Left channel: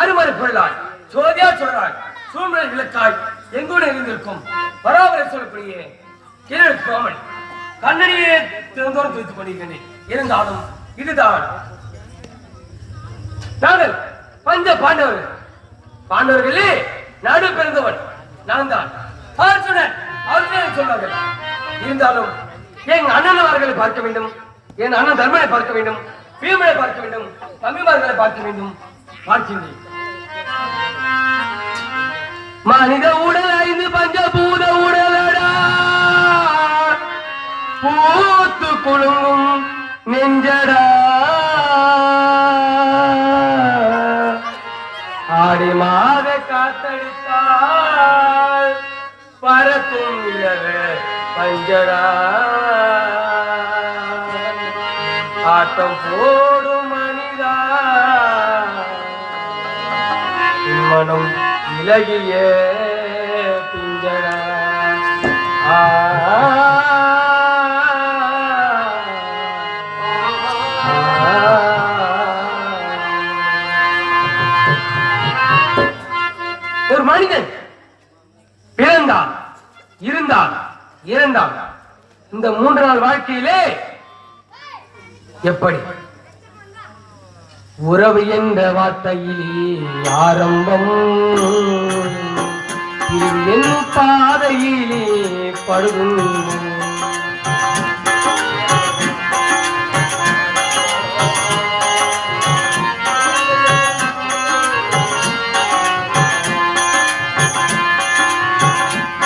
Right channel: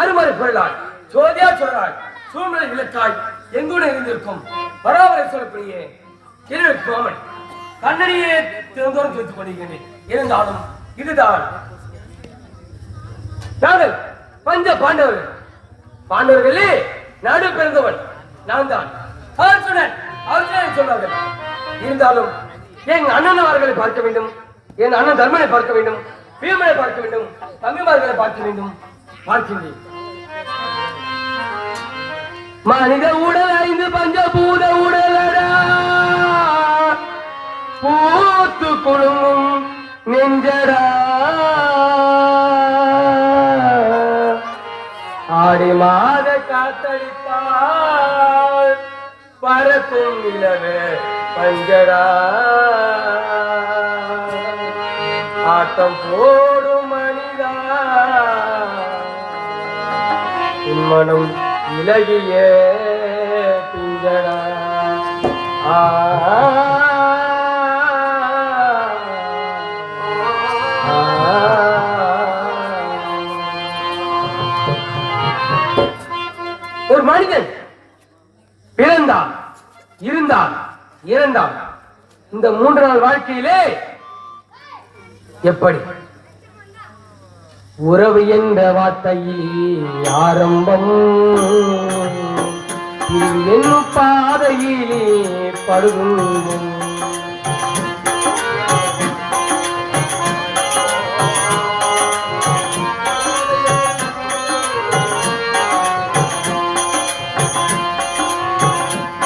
அருமறை பொருளாய் சோதியா சொல்றாய் சூழ்நிலை விளக்காய் எங்கூட இருந்திருக்கும் பராமரை சொல்லப்படியே கோமன் கண்ணடியே திறந்தோறும் துவைத்துக் கொண்டிருக்கிறேன். இருந்தாலும் இதுதான் நாங்கள் பஞ்ச பாண்டவர்களே நடு பிறந்தவன் நான் தான் சொல்வார்கள். இருந்தாலும் என் அண்ணன் அவர்களை பார்க்க வேண்டும், என் அண்ணன் தர்மனை பார்க்க வேண்டும், பீமனை பார்க்க வேண்டும், தம்பிமார்களை பார்க்க வேண்டும். பார்க்கின்றேன். மனித உடல் 5 பஞ்சபூத உடலடா பூத்து குழுங்கும் நெஞ்சடா ஆடி மாத காத்தடித்தால் பரத்தும் இலவே பஞ்சடா ஆட்டம் போடும் மனிதா மனம் இலகிய பிஞ்சடா ஒரு மனிதன் பிறந்தான், இருந்தான், இறந்தான். இந்த 3 நாள் வாழ்க்கையிலே எப்படி உறவு என்ற வார்த்தையில் ஆரம்பம், இது என்னும் பாதையிலே படுகும்.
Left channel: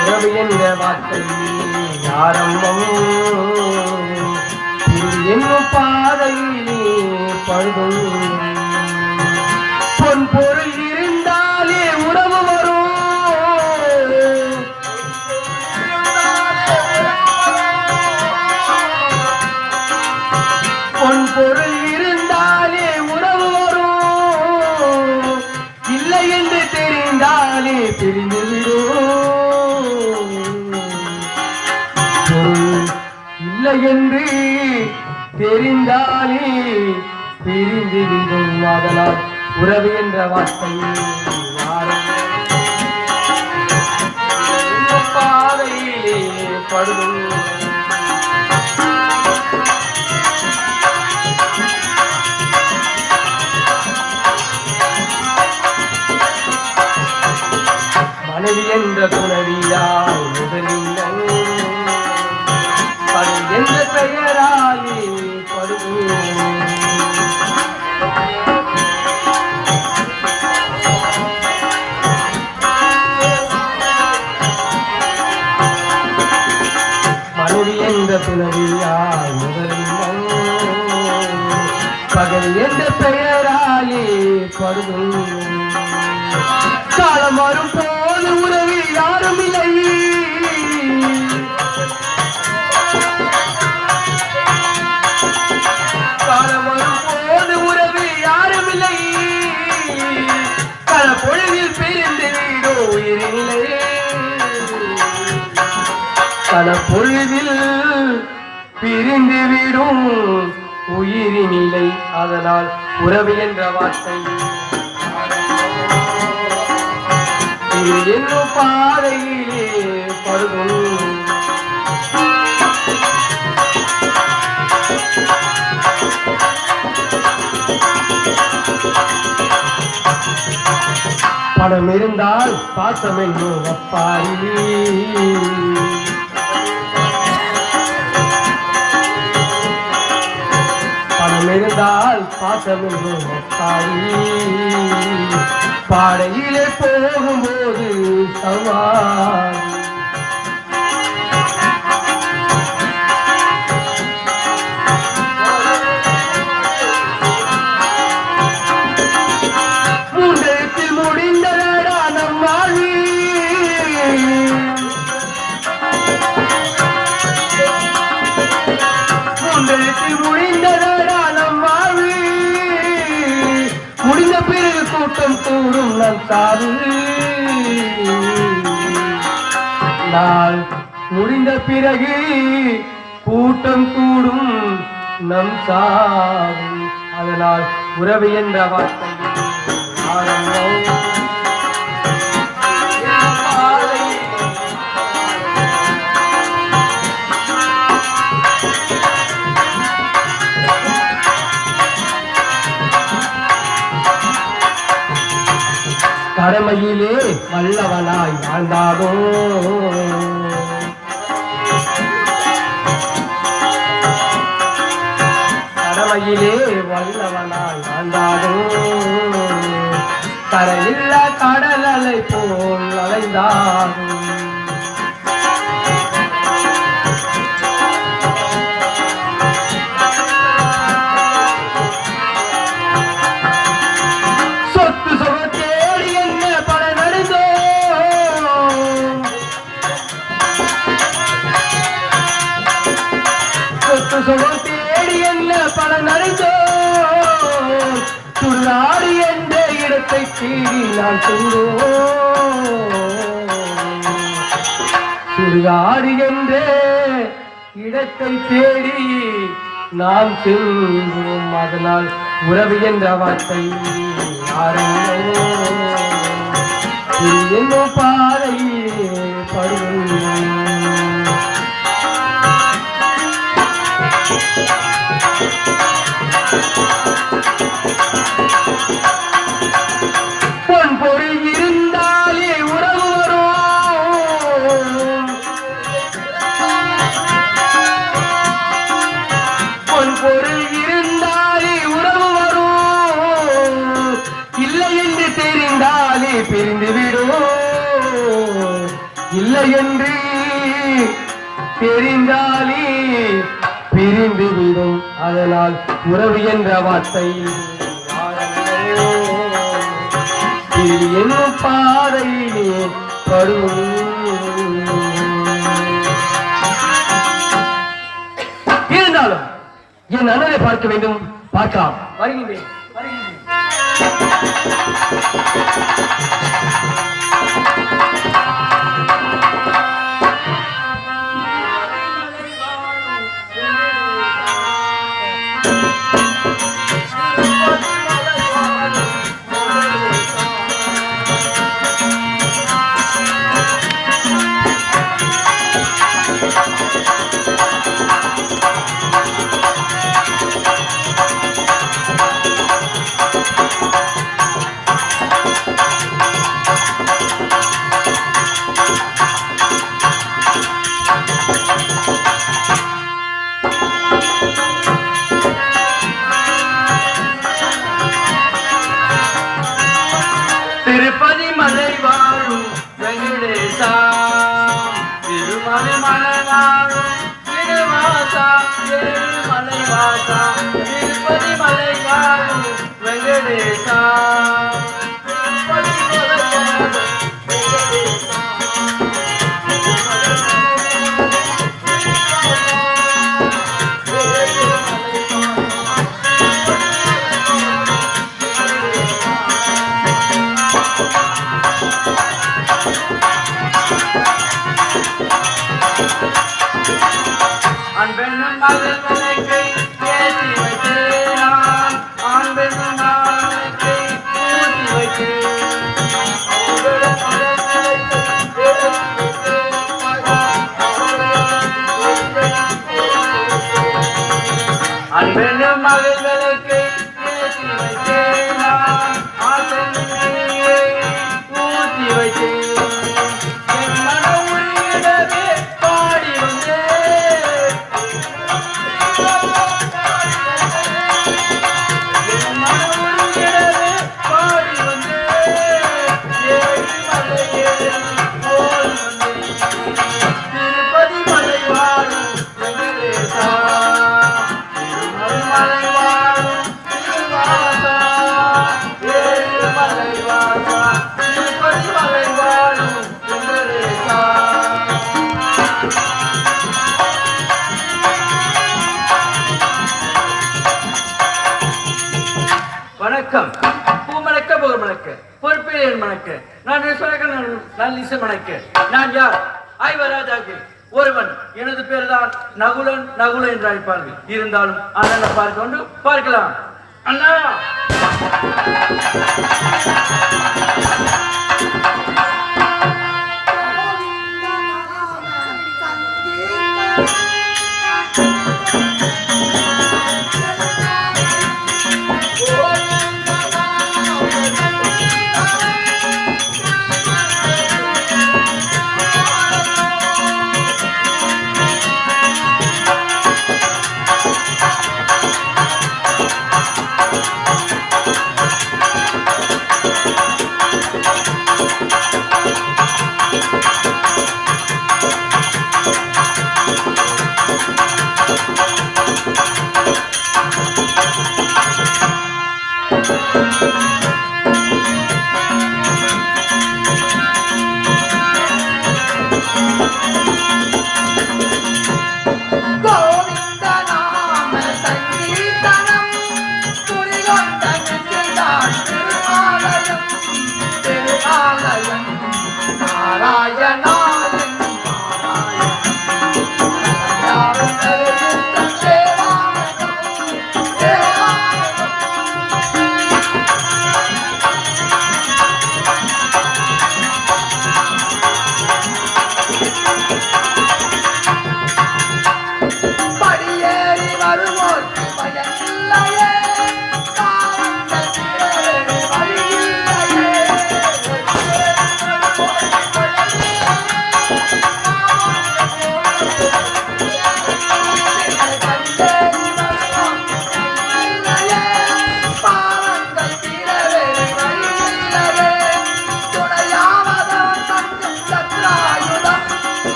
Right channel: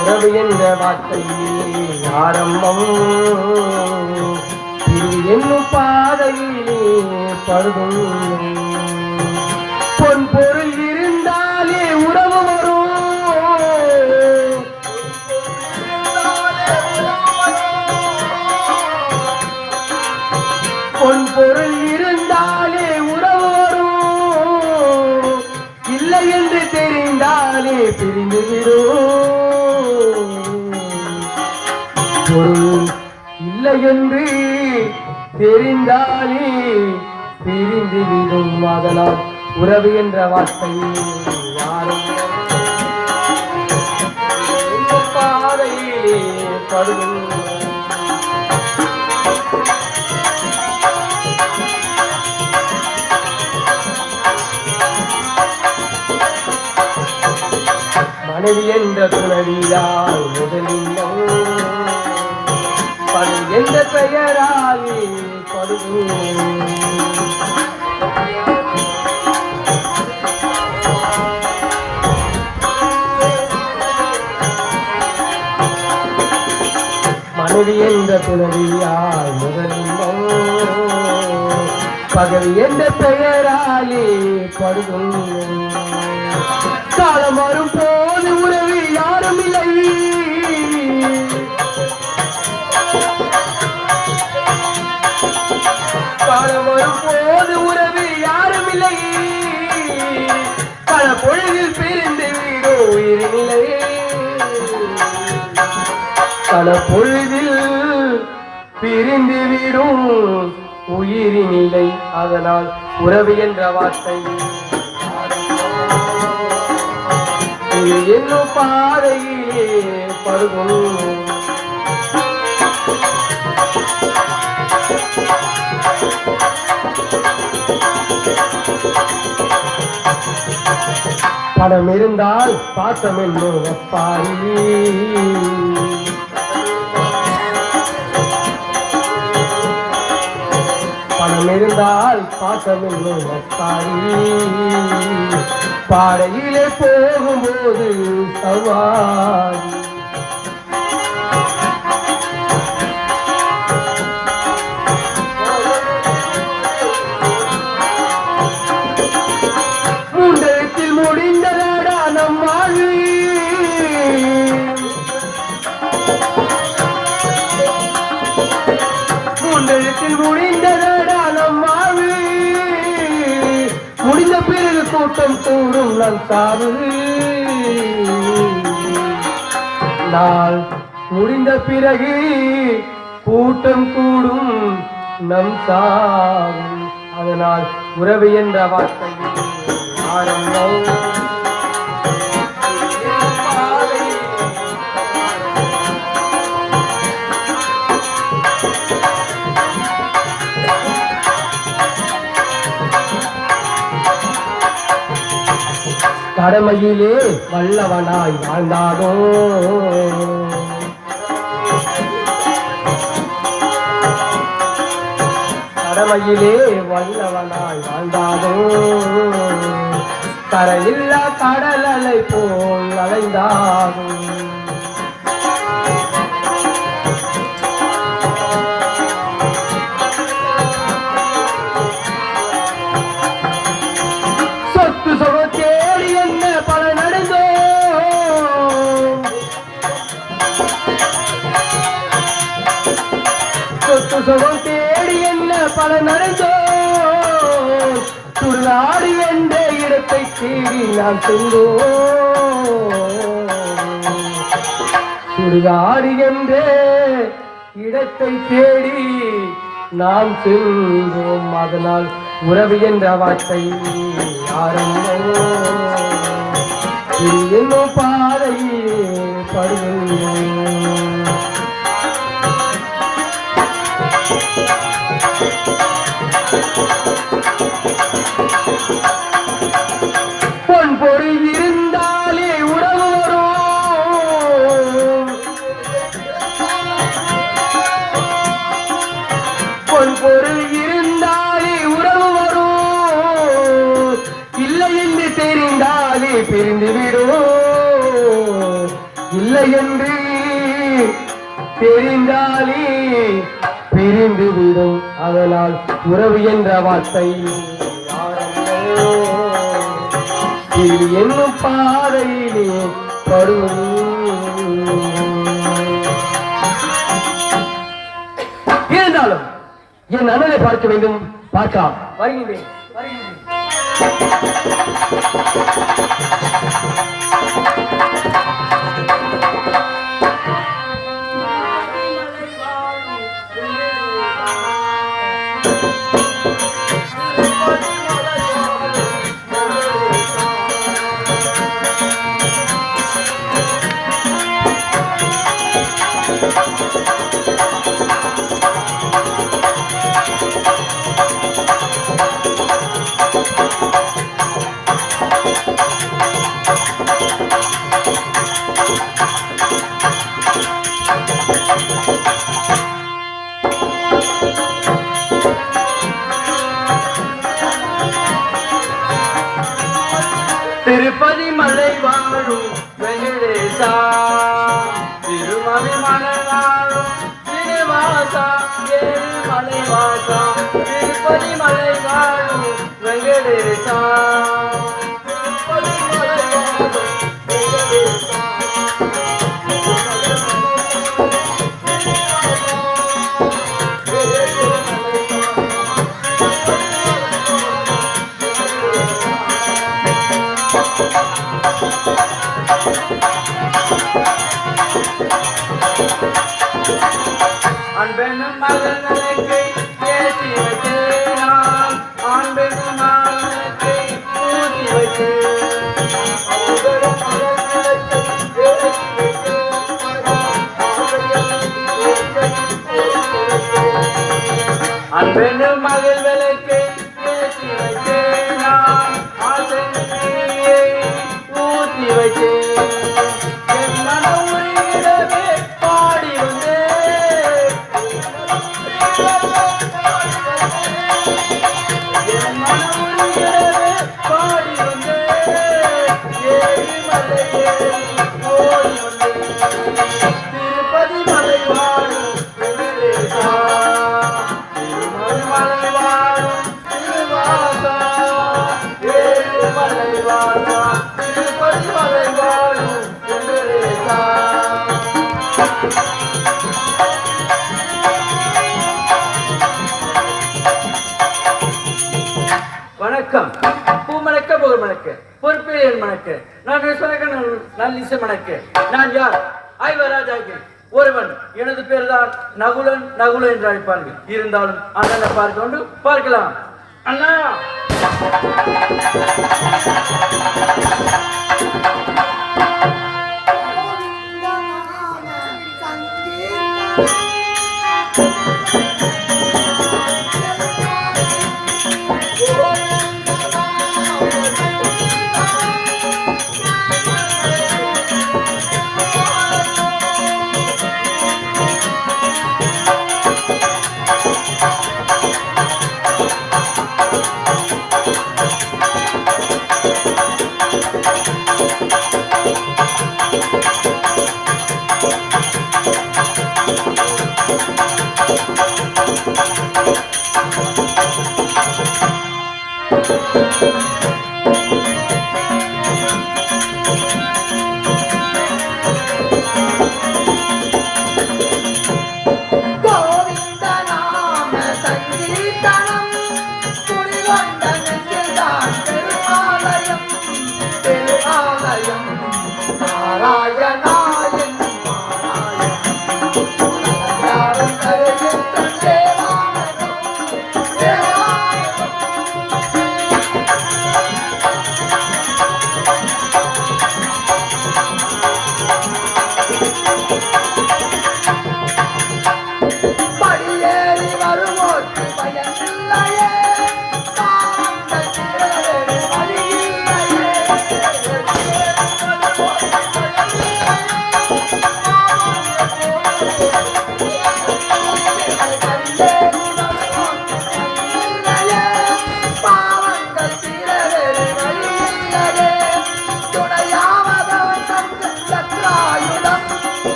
உறவு என்ற வார்த்தையில் ஆரம்பம், இது என்னும் பாதையிலே படுகும். பொன் பொருள் இருந்தாலே உறவு வரும், பொன் பொருள் இருந்தாலே உறவு வரும், இல்லை என்று தெரிந்தாலே பிரிந்துவிடும். பொருள் இல்லை என்று தெரிந்தாலே பிரிந்துவிடும். அதனால் உறவு என்ற வார்த்தை பாதையிலே படும். மனைவி என்ற துணவியால் முதலில் படும் என்ற பெயராலே படுவோம். மனைவி என்ற துணவியால் முதலில் பகல் என்ற பெயராலே படுவோம். காலம் வரும் போது உறவு யாரும் இல்லை, காலம் வரும் போது உறவு யாரும் இல்லை, பல பொழுதில் பிரிந்து வீடோ உயிரில்லை, பல பொழுதில் பிரிந்து விடும் உயிரினில்லை. அதனால் உறவு என்ற வார்த்தை என்னும் பாதையிலே படுகும். பணம் இருந்தால் பாசம் என்னும் அப்பாரி, பணம் இருந்தால் பாசம் என்னும் அப்பாரி, பாடையிலே போகும்போது சவாரி, மூன்றத்தில் முடிந்ததடா நம் வாழ்வு, மூன்றெழுத்தில் முடிந்ததடா நம் வாழ்வு, முடிந்த பிறகு கூட்டம் கூடும் நம் சாவு. நாள் முடிந்த பிறகு கூட்டம் கூடும் நம் சாவு. அதனால் உறவு என்ற வார்த்தை கடமையிலே வல்லவனாய் வாழ்ந்தாதோ, கடமையிலே வல்லவனாய் வாழ்ந்தாதோ, கரையில்லா கடல் அலை போல் அலைந்தாதோ. சொத்து சொகத்தேடி என்ன பல நடந்தோ, சொத்து சொகத்தேடி என்ன பல நடந்தோ, சுடுகாடு என்ற இடத்தை தேடி நான் சென்றோம், சுடுகாடு என்ற இடத்தை தேடி நாம் சென்றோம். அதனால் உறவு என்ற வார்த்தை என்னும் பாதையிலே படுகிறோம். பொன் பொருள் இருந்தாலே உறவு வரும், பொன் பொருள் இருந்தாலே உறவு வரும், இல்லை என்று தெரிந்தாலே பிரிந்துவிடும், இல்லை என்று தெரிந்தாலே பிரிந்துவிடும். அதனால் உறவு என்ற வார்த்தை என்னும் பாதையிலே படும். இருந்தாலும் என் அண்ணனை பார்க்க வேண்டும், பார்க்கலாம். வருகிறேன். திருப்பதி மலை வாழும் வெங்கடேசா, திருமலை மலை வாழும் ஸ்ரீனிவாசா, மலை வாசா, திருப்பதி மலை வாழும் வெங்கடேசா, திருப்பதி மலை வாழும் வெங்கடேசா. அன்பென்னும் மகனுக்கு பேசி வைத்தேன், அன்பென்னும் மகனுக்கு ஊதி வைத்தேன், அன்பென்னும் மகள்களுக்கு பேசி வைத்தேன், ஊதி வைத்தேன். என் மன உரியிடவே பாடி வந்தேன், என் மன உரியிடவே பாடி வந்தேன், ஏழு மலையே ஓடி வந்தேன். திருப்பதி மலை வாழும் வெங்கடேசா, திருமலை மலை வாழும் ஸ்ரீனிவாசா, ஏழு மலை வாசா, திருப்பதி மலை வாழும் வெங்கடேசா. வணக்கம். பூ மணக்க புகழ் மணக்க பொறுப்பிலே என் மணக்க நான் நிசை மணக்க நான் யார்? ஐவராஜாக்கு ஒருவன். எனது பேர் தான் நகுலன். நகுலன் என்று அழைப்பார்கள். இருந்தாலும் அண்ணனை பார்க்க கொண்டு பார்க்கலாம். அண்ணா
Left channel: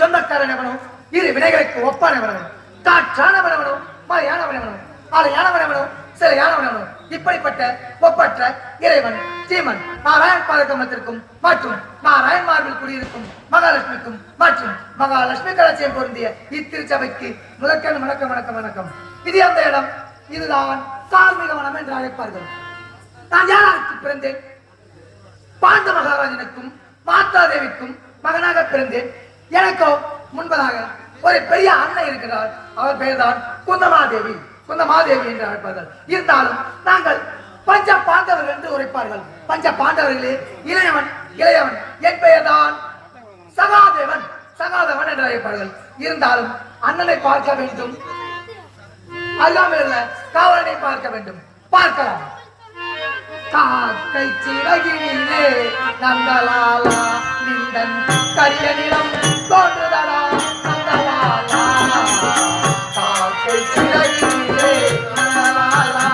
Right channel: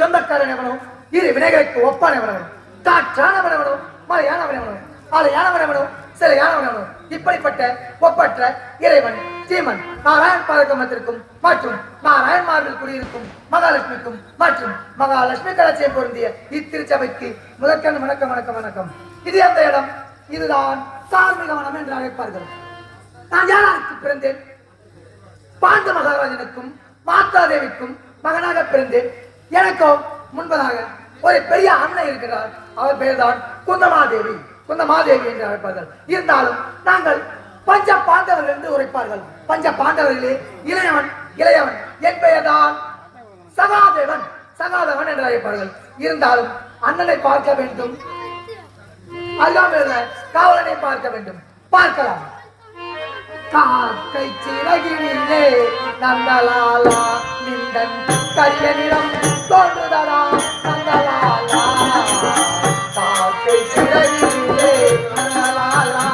சொந்தக்காரனவனும் இரு வினைகளுக்கு ஒப்பானவனும் காற்றானவனவனும் மலையானவனவனும் ஆலையானவனவனும் சிலையானவனவனும் இப்படிப்பட்ட ஒப்பற்ற இறைவன் ஸ்ரீமன் நாராயண் பாதகமத்திற்கும் மற்றும் நாராயண் மார்பில் குடியிருக்கும் மகாலட்சுமிக்கும் மற்றும் மகாலட்சுமி கலட்சியம் பொருந்திய இத்திருச்சபைக்கு முதற்கண் வணக்கம் வணக்கம் வணக்கம். இது அந்த இடம். இதுதான் தார்மீக வனம் என்று அழைப்பார்கள். நான் யாருக்கு பிறந்தேன்? பாண்ட மகாராஜனுக்கும் மாதா தேவிக்கும் மகனாக பிறந்தேன். எனக்கோ முன்பதாக ஒரு பெரிய அண்ணன் இருக்கிறார். அவர் பெயர்தான் குந்தமாதேவி. குந்தமாதேவி என்று அழைப்பார்கள். இருந்தாலும் நாங்கள் பஞ்ச பாண்டவர்கள் என்று உரைப்பார்கள். பஞ்ச பாண்டவர்களே இளையவன் இளையவன் என் பெயர்தான் சகாதேவன். சகாதேவன் என்று அழைப்பார்கள். இருந்தாலும் அண்ணனை பார்க்க வேண்டும், அருகாமையில் காவலனை பார்க்க வேண்டும். பார்க்கலாம். காக்கை சிறகினிலே நந்தலாலா நிந்தன் கரிய நிறம் தோன்றுதலா நந்தலாலா. காக்கை சிறகினிலே நந்தலாலா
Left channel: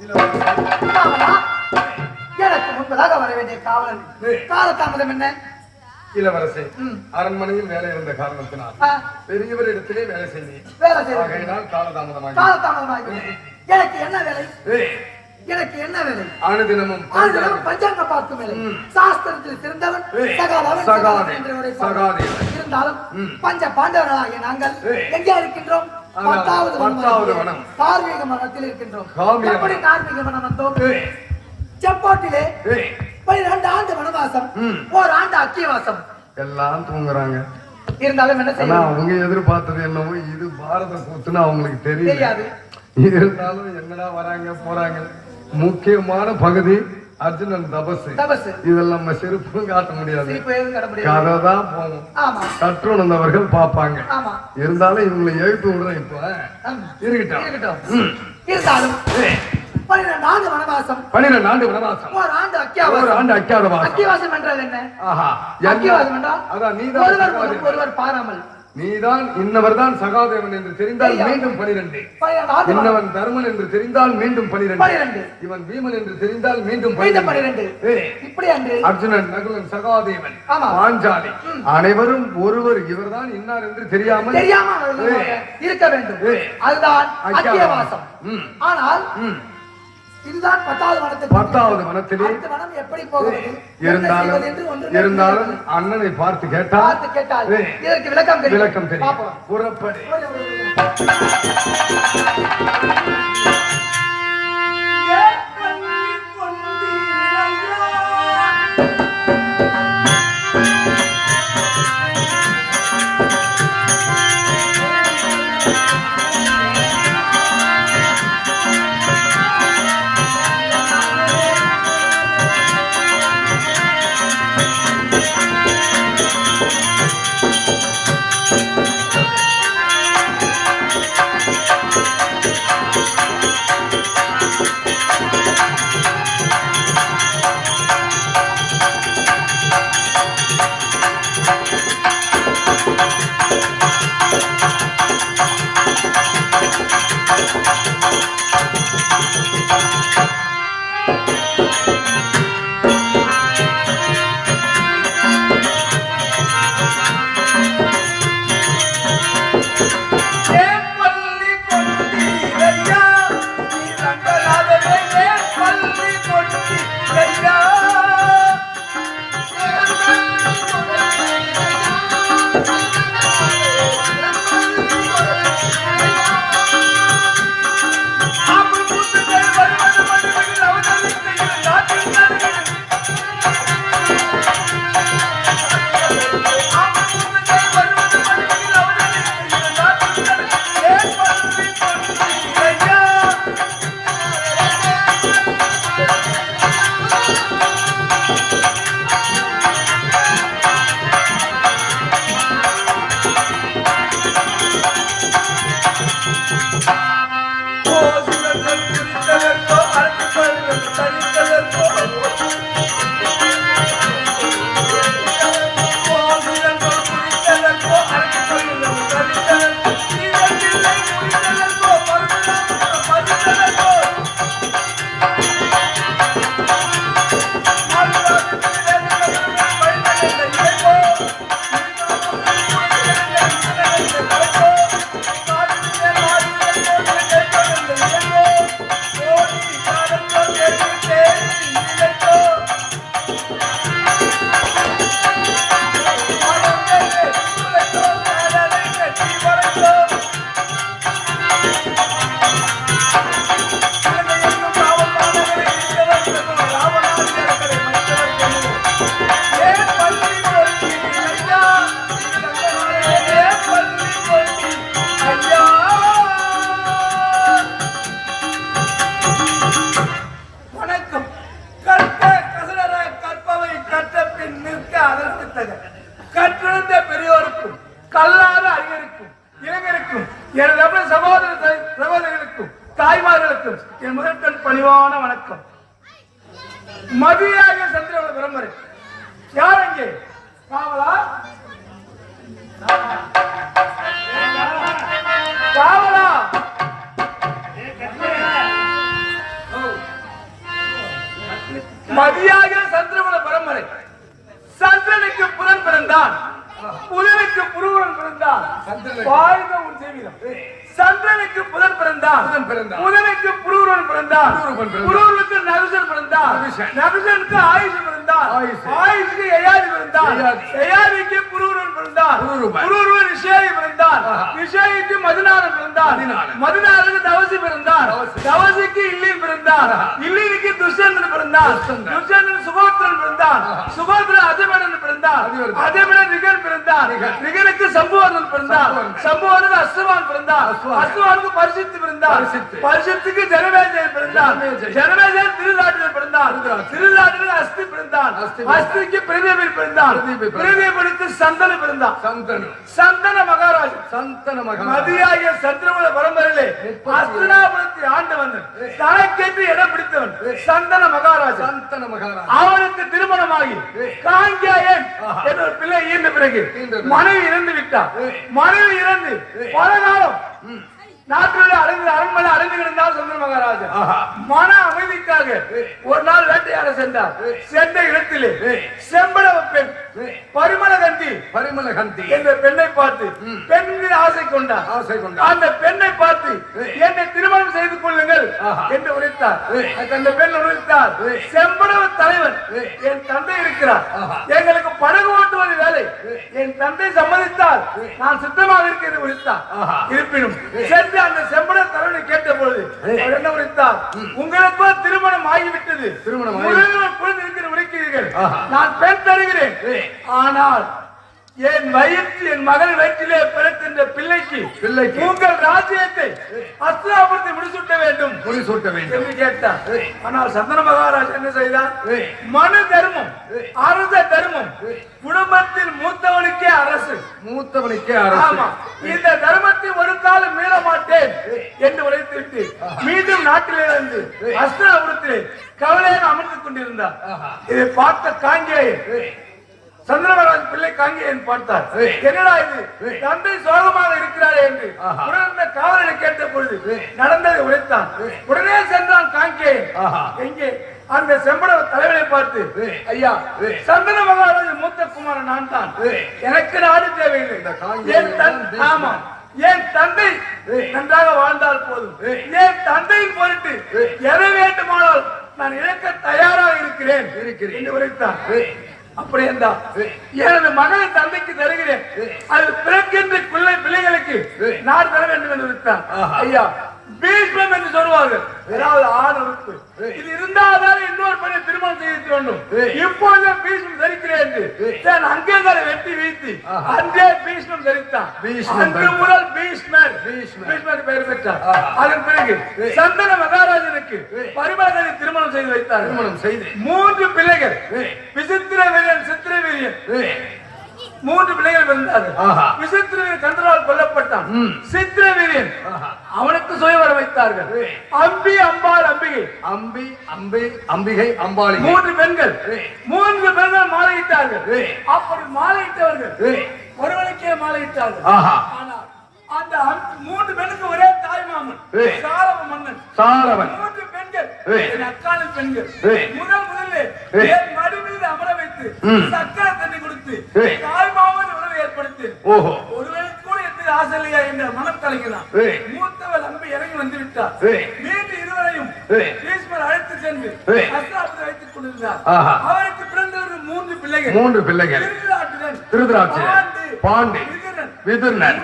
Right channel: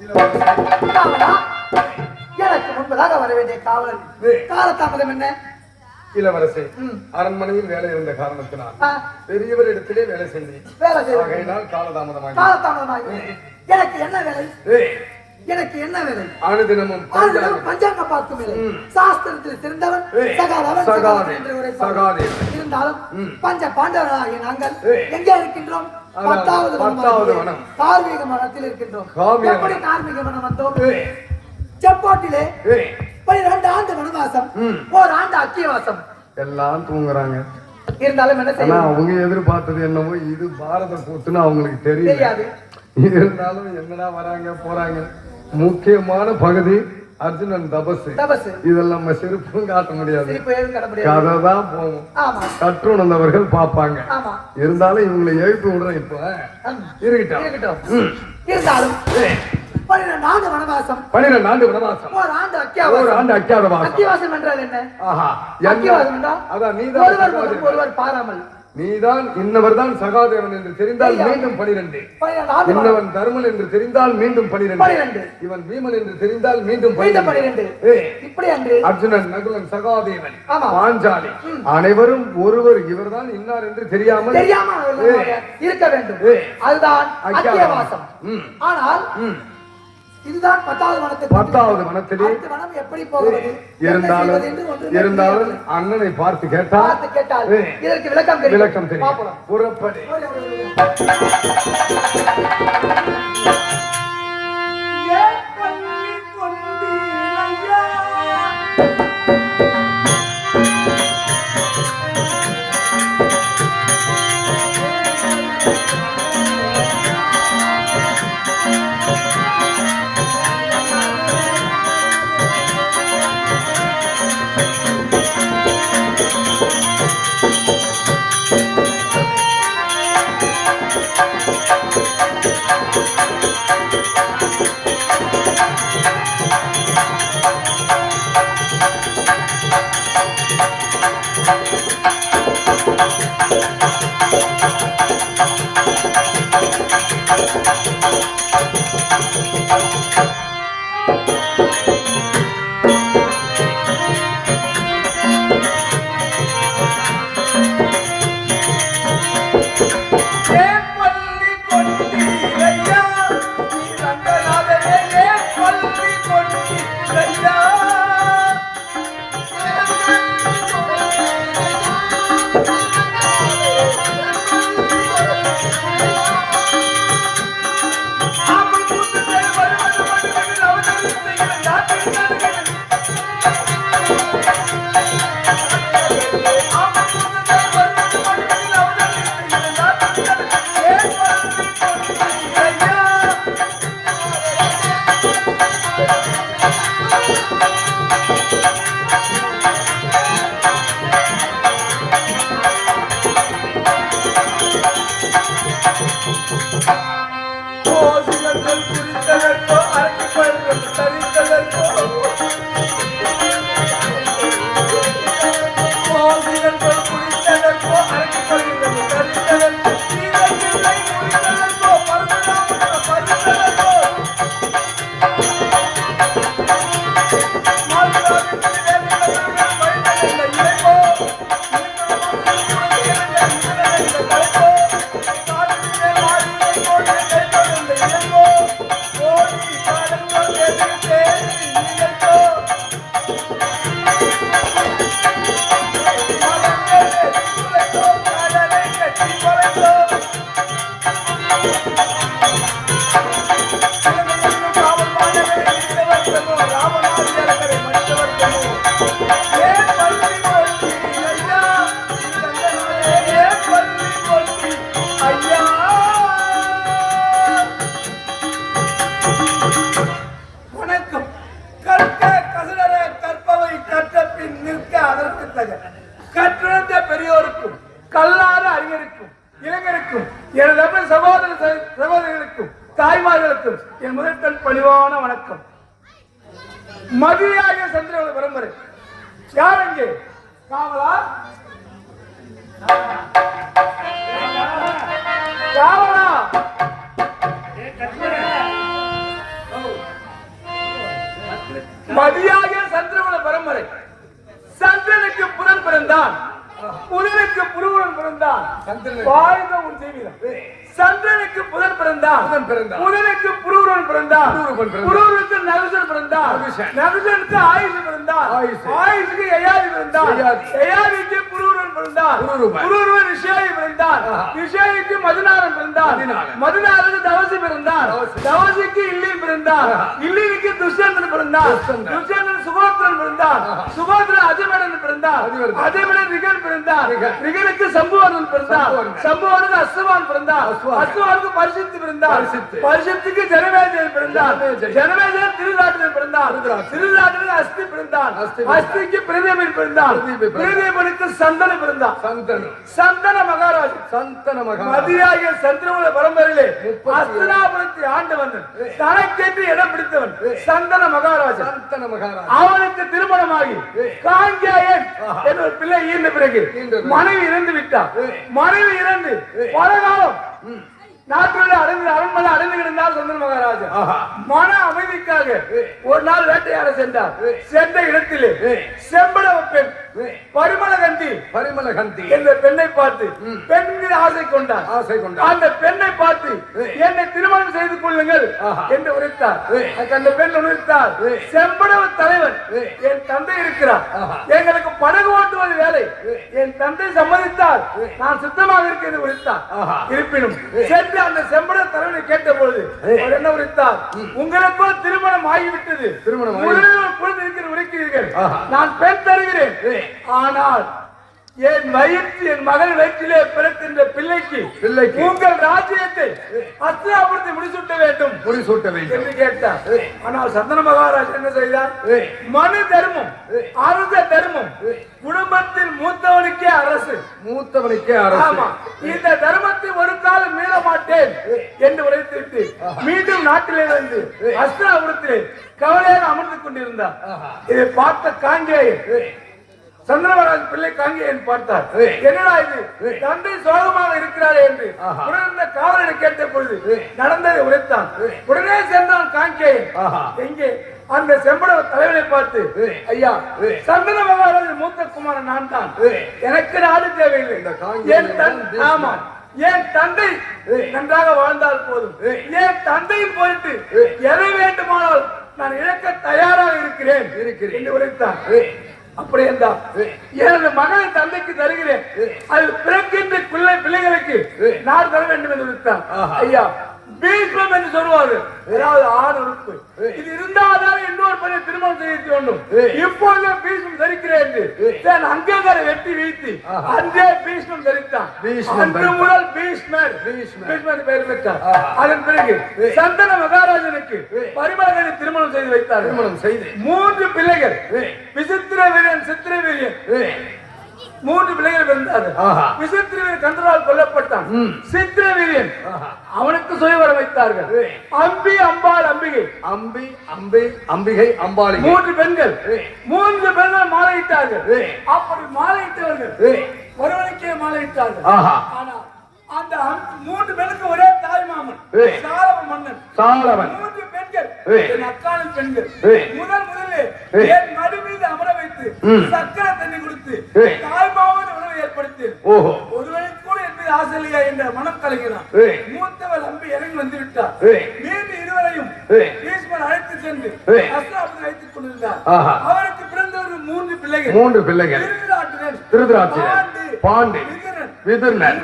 காவலா, எனக்கு முன்பதாக வர வேண்டிய காவலன் காலதாமதம் என்ன? இளவரசே, ம். அரண்மனையில் வேலை இருந்த காரணத்தினால் ஆ, பெரியவரிடத்திலே வேலை செய்தேன். வேலை செய்வது ஆகையினால் காலதாமதமாக காலதாமதமாக எனக்கு என்ன வேலை? எனக்கு என்ன வேலை? அனுதினமும் ஆளுநர் பஞ்சாங்க பார்க்கும் வேலை. சாஸ்திரத்தில் சிறந்தவன் சகாதவன் சகாதவன் என்று உரைப்பார். சகாதேவன். இருந்தாலும் ம். பஞ்ச பாண்டவர்களாகிய நாங்கள் ஏய். எங்கே இருக்கின்றோம்? அதான், 10வது பத்தாவது வனம். கார்மீக மனத்தில் இருக்கின்றோம். கார்மீக எப்படி வனம். கார்மீக மனம் வந்தோம்? செப்போட்டிலே 12 ஆண்டு வனவாசம், ம். ஓராண்டு அக்கியவாசம். எல்லாம் தூங்குறாங்க. இருந்தாலும் என்ன ஆனா செய்ய அவங்க எதிர்பார்த்தது என்னவோ இது பாரத கூத்துன்னு அவங்களுக்கு தெரியாது. தெரியாது. இருந்தாலும் என்னடா வராங்க போறாங்க. முக்கியமான பகுதி அர்ஜுனன் தபசு. தபசு இதெல்லாம் நம்ம செருப்பும் காட்ட முடியாது. சிரிப்பு எதுவும் கட்ட முடியாது. கதை தான் போகும். ஆமா கற்றுணர்ந்தவர்கள் பார்ப்பாங்க. ஆமா இருந்தாலும் இவங்களை எழுப்பி விடுறோம். இப்ப இருக்கட்டும். இருக்கட்டும். ம். இருந்தாலும் 12 ஆண்டு வனவாசம், 12 ஆண்டு வனவாசம், ஓராண்டு ஒரு அக்கியவாசம். ஆண்டு அக்கியாதவாசம். அக்கியவாசம் என்றால் என்ன? ஆஹா. அக்கியவாசம் என்றால் அதான் ஒருவர் முகம் ஒருவர் பாராமல். நீதான் இன்னவர்தான் சகாதேவன் என்று தெரிந்தால் மீண்டும் 12. 12 ஆண்டு இன்னவன் தர்மன் என்று தெரிந்தால் மீண்டும் 12. 12. இவன் பீமன் என்று தெரிந்தால் மீண்டும் மீண்டும் 12. 12. இப்படி அன்று அர்ஜுனன், நகுலன், சகாதேவன், ஆமா. பாஞ்சாலி அனைவரும் ஒருவர் இவர்தான் இன்னார் என்று தெரியாமல் தெரியாமல் அவர்களாக இருக்க வேண்டும். அதுதான் அக்கியவாசம். ம். ஆனால் ம். இதுதான் 10வது வனத்துக்கு 10வது வனத்திலே அடுத்த வனம் எப்படி போகிறது? என்ன இருந்தாலும் செய்வது என்று ஒன்றுமே இருந்தாலும் புரியவில்லை. அண்ணனை பார்த்து கேட்டால் பார்த்து கேட்டால் இதற்கு விளக்கம் தெரியும். விளக்கம் தெரியும். பார்ப்போம். புறப்படு. கற்றிருந்த பெரியோருக்கும் கல்லாத அறிஞருக்கும் இளைஞருக்கும் என் ரப சகோதரர்களுக்கும் தாய்மார்களுக்கும் என் முதற்கண் பணிவான வணக்கம். மதியாக சந்திரவன பரம்பரை யார் அங்கே? காவலா காவலா மதியாக சந்திரகுல பரம்பரை. சந்திரனுக்கு புதன் பிறந்தான், புதனுக்கு புருவன் பிறந்தான். வாழ்ந்த உன் ஜீவிதம். சந்திரனுக்கு புதன் பிறந்தான், புதனுக்கு புருவன் பிறந்தான், புருவனுக்கு நகுசன் பிறந்தான், நகுசனுக்கு ஆயுஷ் பிறந்தான், ஆயுஷுக்கு யயாதி பிறந்தான், யயாதிக்கு புருவன் பிறந்தான், புருவன் நிஷேயி பிறந்தான், நிஷேயிக்கு மதுநாதன் பிறந்தான், மதுநாதனுக்கு தவசி பிறந்தான், தவசிக்கு இல்லின் பிறந்தான், இல்லினுக்கு துஷ்யந்தன் பிறந்தான், துஷ்யந்தன் சுகோத்திரன் பிறந்தான், சுகோத்திரன் அதிமரன் பிறந்தான், அதிமரன் ரிகன் பிறந்தான், ரிகனுக்கு சம்புவர்ணன் பிறந்தான், சம்புவர்ணனுக்கு அஸ்வவான் பிறந்தான், அஸ்வவானுக்கு பரிசுத்து பிறந்தான், பரிசுத்துக்கு ஜனமேஜயன் பிறந்தான், ஜனமேஜயன் திருநாட்டில் பிறந்தான், திருநாட்டில் அஸ்தி பிறந்தான், அஸ்திக்கு பிரதீபன் பிறந்தான், பிரதீபனுக்கு சந்தன பிறந்தான், சந்தன மகாராஜ், மதியாகிய சந்திரகுல பரம்பரையிலே அஸ்தினாபுரத்தை ஆண்டவன், தனக்கென்று இடம் பிடித்தவன் சந்தன மகாராஜ். அவனுக்கு திருமணமாகி காங்கேயன் என்ற ஒரு பிள்ளை ஈர்ந்த பிறகு மனைவி இறந்து விட்டார். மனைவி இறந்து பல காலம் நாட்டிலே அரண்மனை அடைந்து கிடந்தார் சந்திர மகாராஜா. மன அமைதிக்காக ஒரு நாள் வேட்டையாட சென்றார். சென்ற இடத்திலே செம்பட பெண் பரிமளகந்தி என்ற பெண்ணை பார்த்து பெண் மீது ஆசை கொண்டார். அந்த பெண்ணை பார்த்து என்னை திருமணம் செய்து கொள்ளுங்கள் என்று உரைத்தார். அந்த பெண் உரைத்தார், செம்படவ தலைவன் என் தந்தை இருக்கிறார், எங்களுக்கு படகு ஓட்டுவது வேலை, என் தந்தை சம்மதித்தால் நான் சுத்தமாக இருக்கிறது உரைத்தார். இருப்பினும் சென்று அந்த செம்பட தலைவனை கேட்ட பொழுது அவர் என்ன உரைத்தார், உங்களுக்கோ திருமணம் ஆகிவிட்டது, குழந்தை இருக்கிற உரைக்கிறீர்கள், நான் பெண் தருகிறேன், ஆனால் என் மகள் வயிற்றிலே பிறக்கின்ற பிள்ளைக்கு உங்கள் ராஜ்யத்தை அஸ்தினாபுரத்தை முடிசூட்ட வேண்டும் என்று கேட்டார். ஆனால் சந்தன மகாராஜ் என்ன செய்தார், மனு தர்மம் அரச தர்மம், குடும்பத்தில் மூத்தவனுக்கே அரசு, இந்த தர்மத்தை ஒரு காலம் மீற மாட்டேன் என்று உரைத்துவிட்டு மீண்டும் நாட்டிலிருந்து அஸ்தினாபுரத்திலே கவலையாக அமர்ந்து கொண்டிருந்தார். இதை பார்த்த காங்கேயன் சந்திரமகாராஜ் பிள்ளை காங்கேயன் பார்த்தார். என்னடா இது, தந்தை சோகமாக இருக்கிறார் என்று உடனே காவலனை கேட்ட பொழுது நடந்ததை உரைத்தான். உடனே சென்றான் காங்கேயன். எங்கே அந்த செம்பட தலைவனை பார்த்து, ஐயா சந்திர மகாராஜ் மூத்த குமாரன் நான் தான், எனக்கு நாடு தேவையில்லை, என் தந்தை நன்றாக வாழ்ந்தால் போதும், என் தந்தையின் பொருட்டு எதை வேண்டுமானால் நான் இழக்க தயாராக இருக்கிறேன் என்று உரைத்தான். அப்படி என்றால் எனது மகளை தந்தைக்கு தருகிறேன், அது பிறக்கின்ற பிள்ளைகளுக்கு நான் தர வேண்டும் என்று விட்டான். ஐயா பீஷ்மம் என்று சொல்லுவார்கள், ஏதாவது ஆண் உறுப்பு இது இருந்தால்தான் இன்னொரு பெண்ணை திருமணம் செய்ய வேண்டும். இப்பொழுது பீஷ்மம் தரிக்கிறேன் என்று அங்கே வெட்டி வீழ்த்தி அங்கே பீஷ்மம் தரித்தான். அன்று முதல் பீஷ்மர் பெயர் பெற்றார். அதன் பிறகு சந்தன மகாராஜனுக்கு பரிமளகனை திருமணம் செய்து வைத்தார். 3 பிள்ளைகள், விசித்திரவீரியன், சித்திரவீரியன், 3 பிள்ளைகள் பிறந்தார்கள். விசித்திரவீரியன் கந்தரால் கொல்லப்பட்டான். சித்திரவீரியன் அவனுக்கு சுயவர வைத்தார்கள். அம்பி, அம்பாள், அம்பிகை, அம்பாளி, 3 பெண்கள். 3 பெண்கள் மாலையிட்டார்கள். அப்படி மாலையிட்டவர்கள் ஒருவனுக்கே மாலையிட்டார்கள். ஆனால் அந்த 3 பெண்ணுக்கு ஒரே தாய் மாமன் சாலவன். 3 பெண்கள் என் அக்காலின் பெண்கள். முதலிலே என் நடு மீது அமர வைத்து சக்கரை தண்ணி கொடுத்து தாய் மாமன் உணவு ஏற்படுத்தி ஒருவனுக்கு கூட எப்படி ஆசையா என்ற மனம் கலைகிறார். மூத்தவள் அம்பி இறங்கி வந்து விட்டார். மீண்டும் இருவரையும் பீஷ்மர் அழைத்து சென்று அஸ்தினாபுரத்தை வைத்துக் கொண்டிருந்தார். அவருக்கு பிறந்தவர்கள் 3 பிள்ளைகள். திருதராட்டிரன், பாண்டி, விதுரன்.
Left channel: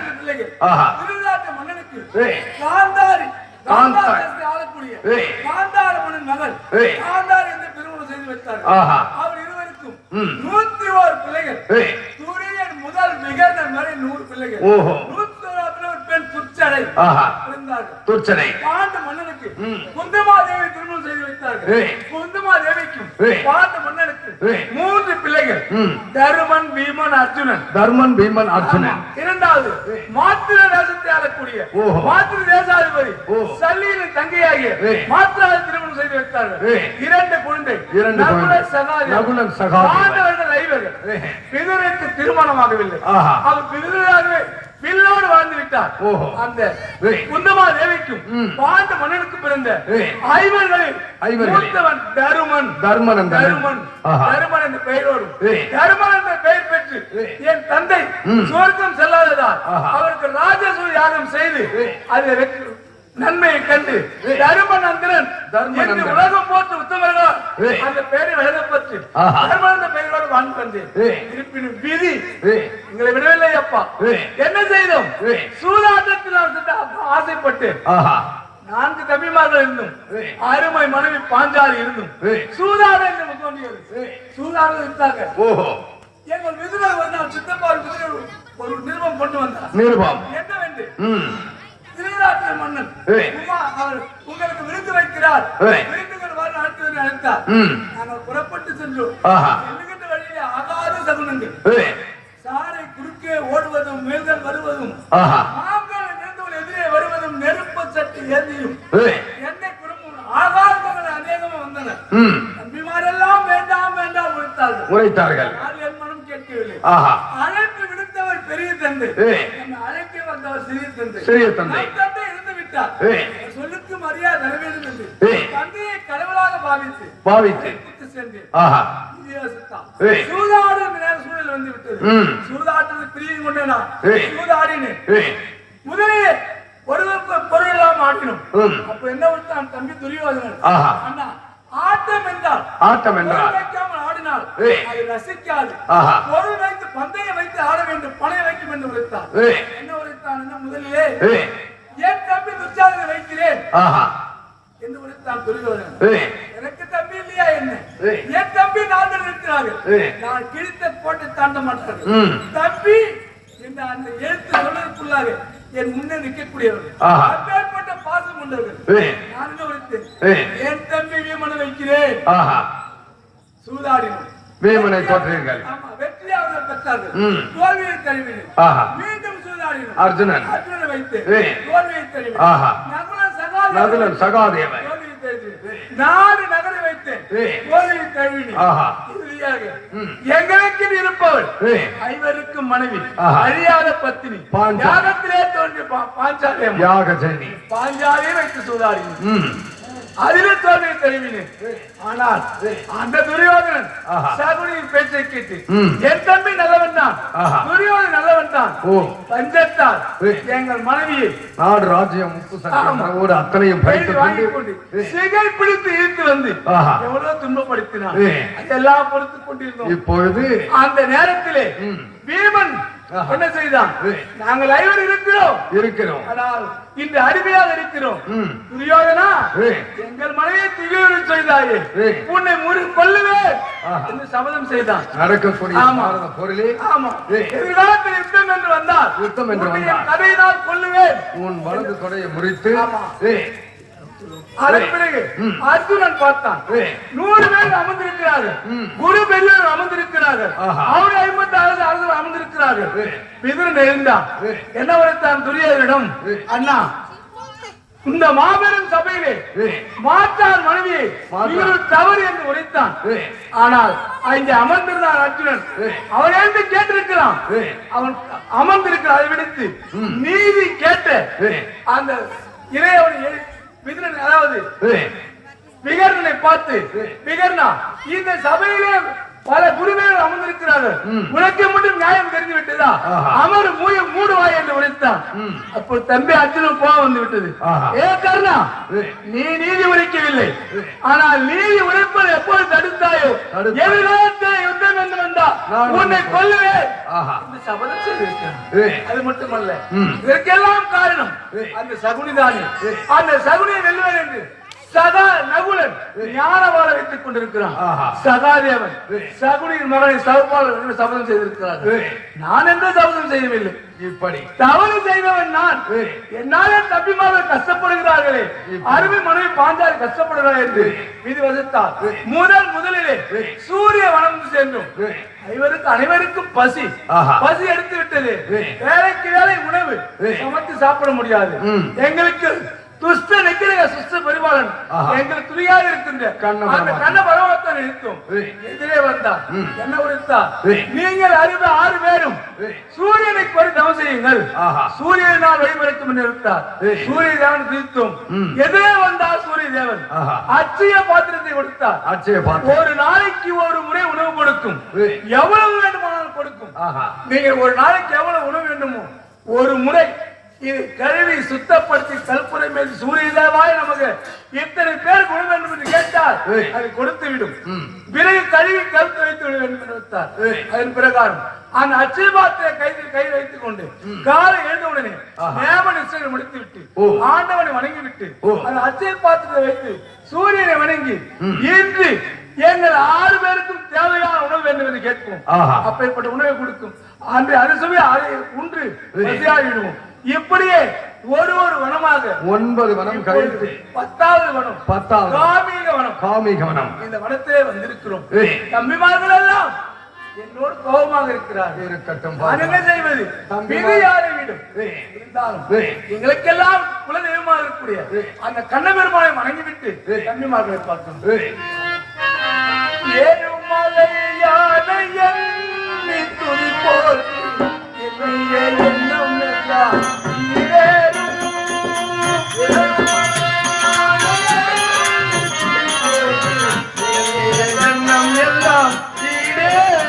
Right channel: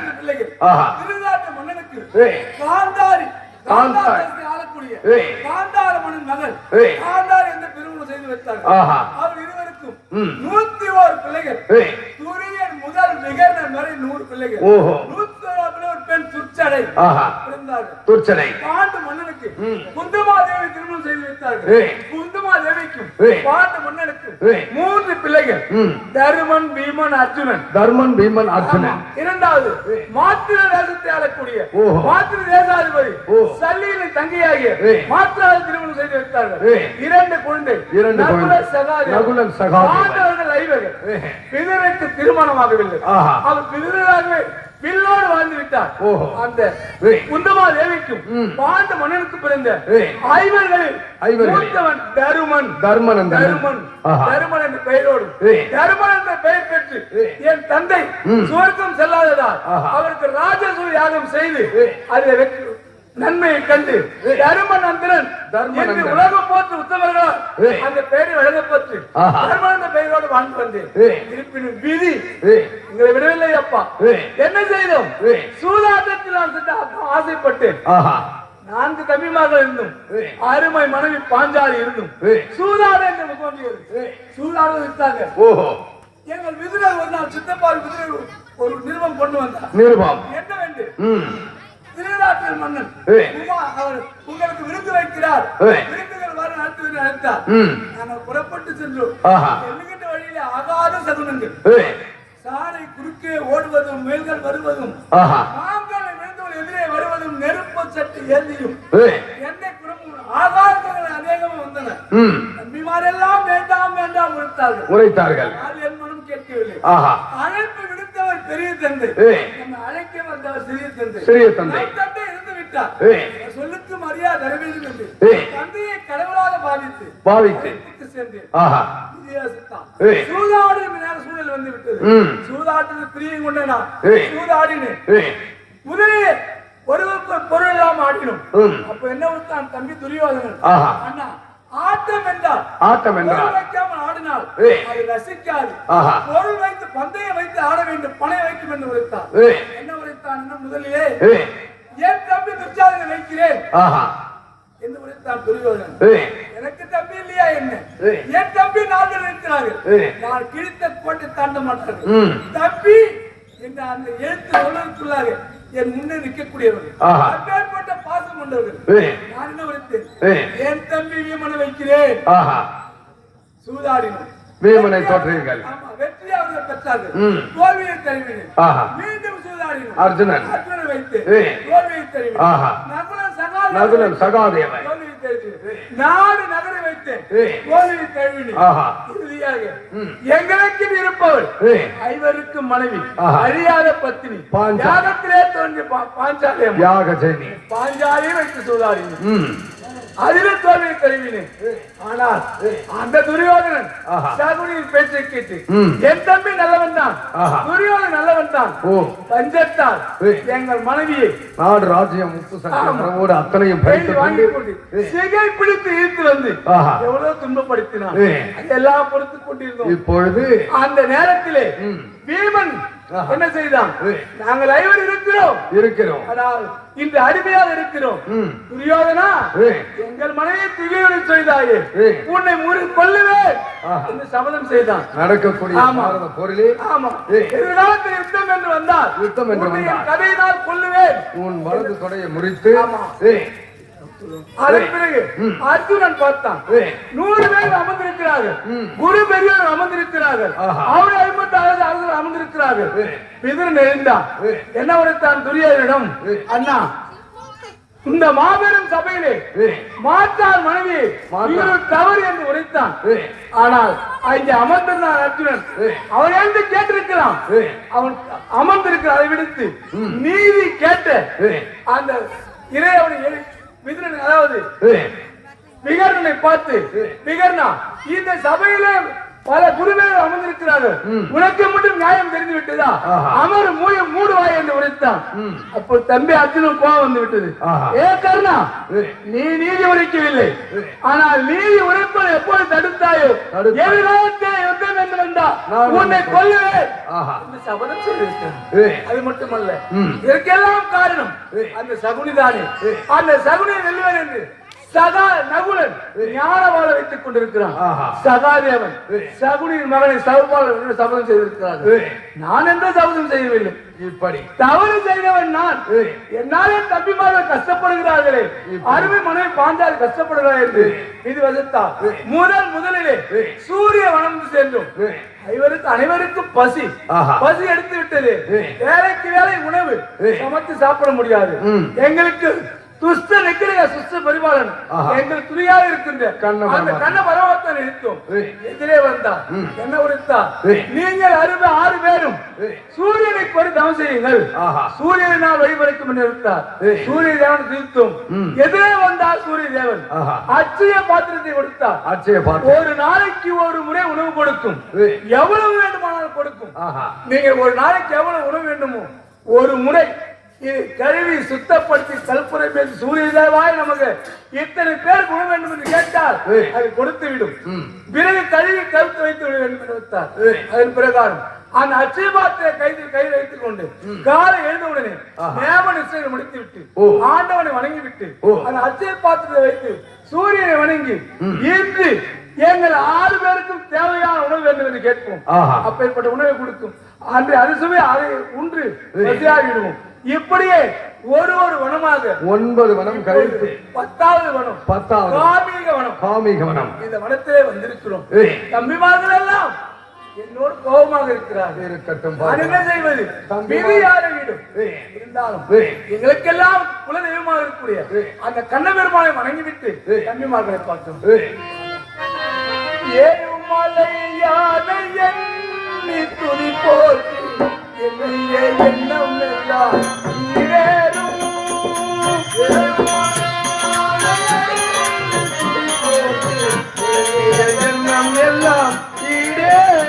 திருநாட்டு மன்னனுக்கு காந்தாரி ஆளக்கூடிய காந்தார மன்னன் மகள் காந்தாரி என்று பெருங்குளம் செய்து வைத்தார். அவர் இருவருக்கும் 101 பிள்ளைகள். துரியன் முதல் விகர்ணன் வரை 100 பிள்ளைகள். 101 பெண் துர்ச்சடை பாண்டு மன்னனுக்கு குந்தமாதேவி திருமணம் செய்து வைத்தார்கள். குந்தமாதேவிக்கும் பாண்டு மன்னனுக்கு 3 பிள்ளைகள், தருமன், பீமன், அர்ஜுனன். இரண்டாவது மாத்திர தேசத்தை ஆளக்கூடிய மாத்திர தேசாதிபதி சல்லியின் தங்கையாகிய மாத்திராவை திருமணம் செய்து வைத்தார்கள். 2 குழந்தை, நகுலன், சகாதேவன். பாண்டவர்கள் 5 விதுரனுக்கு திருமணமாகவில்லை. அவர் விதுரனாகவே வில்லோடு வாழ்ந்து விட்டார். ஓஹோ. அந்த ஏய். குந்தமா தேவிக்கும் ம். பாண்ட மன்னனுக்கு பிறந்த ஏய். ஐவர்களில் ஐவர்களில் மூத்தவன் தருமன். தர்மன் அந்த தருமன் ஆஹா. தருமன் என்ற பெயரோடு ஏய். தருமன் என்ற பெயர் பெற்று ஏய். என் தந்தை ம். சுவர்க்கம் செல்லாததால் ஆஹா. அவருக்கு ராஜசூய யாகம் செய்து ஏய். அதில் வெற்றி நன்மையை கண்டு ஏய். தருமநந்திரன் தர்மநந்திரன். என்று உலகம் போற்று உத்தவர்களால் ஏய். அந்த பெயரை வழங்கப்பட்டு ஆஹா. தர்மன் என்ற பெயரோடு வாழ்ந்து வந்தேன். ஏய். இருப்பினும் விதி ஏய். உங்களை விடவில்லை அப்பா. ஏய். என்ன செய்தோம்? ஏய். சூதாட்டத்தில் நான் சற்று ஆசைப்பட்டு ஆஹா. 4 தம்பிமார்கள் இருந்தும் ஏய். அருமை மனைவி பாஞ்சாலி இருந்தும் ஏய். சூதாட என்று தோன்றியது. ஏய். சூதாட இருந்தாங்க. ஓஹோ. எங்கள் விருதுகள் ஒரு நாள் சித்தப்பால் ஒரு நிறுவனம் கொண்டு வந்தார். நிருபம். என்னவென்று ம். திருநாட்டில் மன்னன் ஏய். அவர் உங்களுக்கு விருந்து வைக்கிறார். ஏய். விருந்துகள் வர அடுத்து அழைத்தார். ம். நாங்கள் புறப்பட்டு சென்றோம். ஆஹா. செல்லுகின்ற வழியிலே ஆகாத சகுனங்கள். ஏய். சாலை குறுக்கே ஓடுவதும் மேல்கள் வருவதும் ஆஹா. மாங்கள் நின்றவள் எதிரே வருவதும் நெருப்பு சட்டு ஏந்தியும் ஏய். எந்த குடும்பம் ஆகாரங்கள் அநேகமும் வந்தன. ம். தம்பிமாரெல்லாம் வேண்டாம் வேண்டாம் உழைத்தார்கள். உரைத்தார்கள். யார் என் மனம் கேட்கவில்லை. ஆஹா. அழைப்பு விடுத்தவர் பெரிய தந்தை. ஏய். நம்ம அழைக்க வந்தவர் சிறிய தந்தை. சிறிய தந்தை. நம் தந்தை இருந்து விட்டார். ஏய். சொல்லுக்கு மரியாதை தர வேண்டும் என்று ஏய். தந்தையை கடவுளாக பாவித்து பாவித்து. அழைப்புக்கு சென்றேன். ஆஹா. வித்தியாசத்தான். ஏய். சூதாடு நேர சூழல் வந்து விட்டது. ம். சூதாட்டத்தில் பிரியம் கொண்ட நான் ஏய். சூதாடினேன். ஏய். முதலிலே ஒருவருக்கு பொருள் எல்லாம் ஆடினோம். ம். அப்ப என்ன விட்டான் தம்பி துரியோதனன். ஆஹா. அண்ணா ஆட்டம் என்றால் ஆட்டம் என்றால் பொருள் வைக்காமல் ஆடினால் ஏய். அது ரசிக்காது. ஆஹா. பொருள் வைத்து பந்தய வைத்து ஆட வேண்டும் பணை வைக்கும் என்று உரைத்தார். ஏய். என்ன உரைத்தான் என்ன முதலிலே ஏய். என் தம்பி துர்ச்சாதனை வைக்கிறேன் ஆஹா. என்று உரைத்தான் துரியோதனன். ஏய். எனக்கு தம்பி இல்லையா என்ன? ஏய். என் தம்பி 4 இருக்கிறார்கள். ஏய். நான் கிழித்த போட்டு தாண்ட மாட்டார்கள். ம். தம்பி என்ற அந்த எழுத்து சொல்வதற்குள்ளாக என் முன்னே நிற்கக்கூடியவர். ஆஹா. அப்பேற்பட்ட பாசம் கொண்டவர். ஏய். நான் என்ன உரைத்தேன்? ஏய். என் தம்பி வீமனை வைக்கிறேன். ஆஹா. சூதாடினோம். வீமனை தோற்றீர்கள். ஆமா, வெற்றி அவர்கள் பெற்றார்கள். ம். தோல்வியை தழுவினேன். ஆஹா. மீண்டும் சூதாடினோம். அர்ஜுனன். அர்ஜுனனை வைத்து ஏய். தோல்வியை தழுவினேன். ஆஹா. நகுலன் சகாதேவன். நகுலன் சகாதேவன். தோல்வியை தழுவினேன். 4 நகரை வைத்தேன். ஏய். தோல்வியை தழுவினேன். ஆஹா. இறுதியாக ம். எங்களுக்கு இருப்பவள் ஏய். ஐவருக்கும் மனைவி ஆஹா. அறியாத பத்தினி பாஞ்சா- யாகத்திலே தோன்றிய பாஞ்சாலி அம்மா. யாக ஜெனி. பாஞ்சாலியை வைத்து சூதாடினேன். ம். அதிலே தோல்வியை தழுவினேன். ஆனால் அந்த துரியோதனன் ஆஹா. சகுனியின் பேச்சை கேட்டு ம். என் தம்பி நல்லவன் தான் ஆஹா. துரியோதனன் நல்லவன் தான் ஓ. பஞ்சத்தால் ஏய். எங்கள் மனைவியை நாடு ராஜ்யம் முத்து ஆமா. சங்கரோடு அத்தனையும் பறித்து கையில் வாங்கிக் கொண்டு கொண்டு சிகை பிடித்து இழுத்து வந்து ஆஹா. எவ்வளவு துன்பப்படுத்தினான். ஏய். அதெல்லாம் பொறுத்துக் கொண்டிருந்தோம். இப்பொழுது அந்த நேரத்திலே ம். வீமன் ஆஹா. என்ன செய்தான்? ஏய். நாங்கள் ஐவர் இருக்கிறோம். இருக்கிறோம். ஆனால் இந்த அடிமையாக இருக்கிறோம். ம். துரியோதனா ஏய். எங்கள் மனைவியை துரியோதனை செய்தாயே ஏய். உன்னை கொல்லுவேன் ஆஹா. என்று சபதம் செய்தான். நடக்கக்கூடிய ஆமா. சாதாரண போரிலே ஆமா. ஏய். எதிர்காலத்தில் யுத்தம் என்று வந்தார். யுத்தம் என்று உன்னை வந்தார். என் கதையினால் கொல்லுவேன். உன் வலது தொடையை முறித்து ஆமா. ஏய். அதன் பிறகு ம். அர்ஜுனன் பார்த்தான். ஏய். 100 பேர் அமர்ந்திருக்கிறார்கள். ம். குரு பெரியவர் அமர்ந்திருக்கிறார்கள். ஆஹா. அவர் 56 அரசர் அமர்ந்திருக்கிறார்கள். ஏய். பிதர் எழுந்தான். ஏய். என்ன உரைத்தான் துரியோதனிடம்? ஏய். அண்ணா இந்த மாபெரும் சபையிலே ஏய். மாற்றார் மனைவியை மாற்றார். இவர் தவறு என்று உரைத்தான். ஏய். ஆனால் அங்கே அமர்ந்திருந்தான் அர்ஜுனன். ஏய். அவன் எழுந்து கேட்டிருக்கிறான். ஏய். அவன் அமர்ந்திருக்கிற அதை விடுத்து ம். நீதி கேட்ட ஏய். அந்த இறைவனை விதுரன் அதாவது ஏய். விகர்ணனை பார்த்து விகர்ணா இந்த சபையிலே பல குருவேர்கள் அமர்ந்திருக்கிறார்கள். ம். உனக்கு மட்டும் நியாயம் தெரிந்து விட்டதா? ஆஹா. அமர் மூடுவாய் என்று உரைத்தான். ம். அப்போ தம்பி அர்ஜுனன் கோபம் வந்து விட்டது. ஆஹா. ஏ கர்ணா ஏய். நீ நீதி உரைக்கவில்லை. ஏய். ஆனால் நீதி உரைப்பதை எப்போது தடுத்தாயோ தடுத்தாய். எதிர்காலத்தை யுத்தம் என்று வந்தா நான் உன்னை உன்னை கொல்லுவேன் ஆஹா. என்று சபதம் செய்திருக்கிறான். ஏய். அது மட்டுமல்ல ம். இதற்கெல்லாம் காரணம் ஏய். அந்த சகுனிதானே. ஏய். அந்த சகுனி வெல்லுவன் என்று சகா நகுலன் ஞானவாள வைத்துக் கொண்டிருக்கிறான். ஆஹா. சகாதேவன் ஏய். சகுனியின் மகனை சகுபாலன் என்று சபதம் செய்திருக்கிறார்கள். ஏய். நான் எந்த சபதம் செய்யவில்லை. இப்படி தவறு செய்தவன் நான். ஏய். என்னாலே தம்பிமார்கள் கஷ்டப்படுகிறார்களே இப்படி. அருமை மனைவி பாஞ்சால் கஷ்டப்படுகிறார் என்று விதி வகுத்தார். முதலிலே ஏய். சூரிய வனந்து சென்றோம். ஏய். அனைவருக்கும் பசி ஆஹா. பசி எடுத்து விட்டது. ஏய். வேலைக்கு வேலை உணவு ஏய். சமைத்து சாப்பிட முடியாது. ம். எங்களுக்கு துஷ்ட நிக்கிற சுஷ்ட பரிபாலன் ஆஹா. எங்களுக்கு துணியாக இருக்கின்ற கண்ண அந்த பரமாத்மா. கண்ண பரமாத்தான் இருக்கும். ஏய். எதிரே வந்தா ம். என்ன உரைத்தா? ஏய். நீங்கள் 6 பேர் இருவரும் சூரியனுக்கு ஒரு தவம் செய்யுங்கள். சூரியனை நான் வழிபடுத்தும் என்று இருந்தார். சூரிய தேவன் தீர்த்தும் எதிரே வந்தார். சூரிய தேவன் அட்சய பாத்திரத்தை கொடுத்தார். அட்சய பாத்திரம் ஒரு நாளைக்கு ஒரு முறை உணவு கொடுக்கும். எவ்வளவு வேண்டுமானாலும் கொடுக்கும். நீங்க ஒரு நாளைக்கு எவ்வளவு உணவு வேண்டுமோ ஒரு முறை இது கழுவி சுத்தப்படுத்தி கல்பனை மேல் சூரிய தேவாய் நமக்கு இத்தனை பேருக்கு உணவு வேண்டும் என்று கேட்டால் அது கொடுத்து விடும். பிறகு கழுவி கல்ப வைத்து விட வேண்டும் வைத்தார். அதன் பிரகாரம் அந்த அச்சயபாத்திர கையில் வைத்துக் கொண்டு காலை எழுந்த உடனே நேம நிச்சயம் முடித்து விட்டு ஆண்டவனை வணங்கி விட்டு அந்த அச்சய பாத்திரத்தை வைத்து சூரியனை வணங்கி இன்று எங்கள் 6 பேருக்கும் தேவையான உணவு வேண்டும் என்று கேட்போம். அப்பேற்பட்ட உணவை கொடுக்கும். அன்று அதுசுமே அதை உண்டு பசியாறிடுவோம். இப்படியே ஒரு வனமாக 9 வனம் கழித்து 10வது வனம் காமிக வனம் இந்த வனத்திலே வந்திருக்கிறோம். தம்பிமார்கள் எல்லாம் என்னோடு கோபமாக இருக்கிறார்கள். என்ன செய்வது? இருந்தாலும் எங்களுக்கெல்லாம் குலதெய்வமாக இருக்கக்கூடிய அந்த கண்ணபெருமானை வணங்கிவிட்டு தம்பிமார்களை பார்த்தோம். ஏழுமலையான எண்ணி துணி போட்டு என்னையே எண்ணம் எல்லாம் ஈரேறும். எண்ணம் எல்லாம் ஈரேறும்.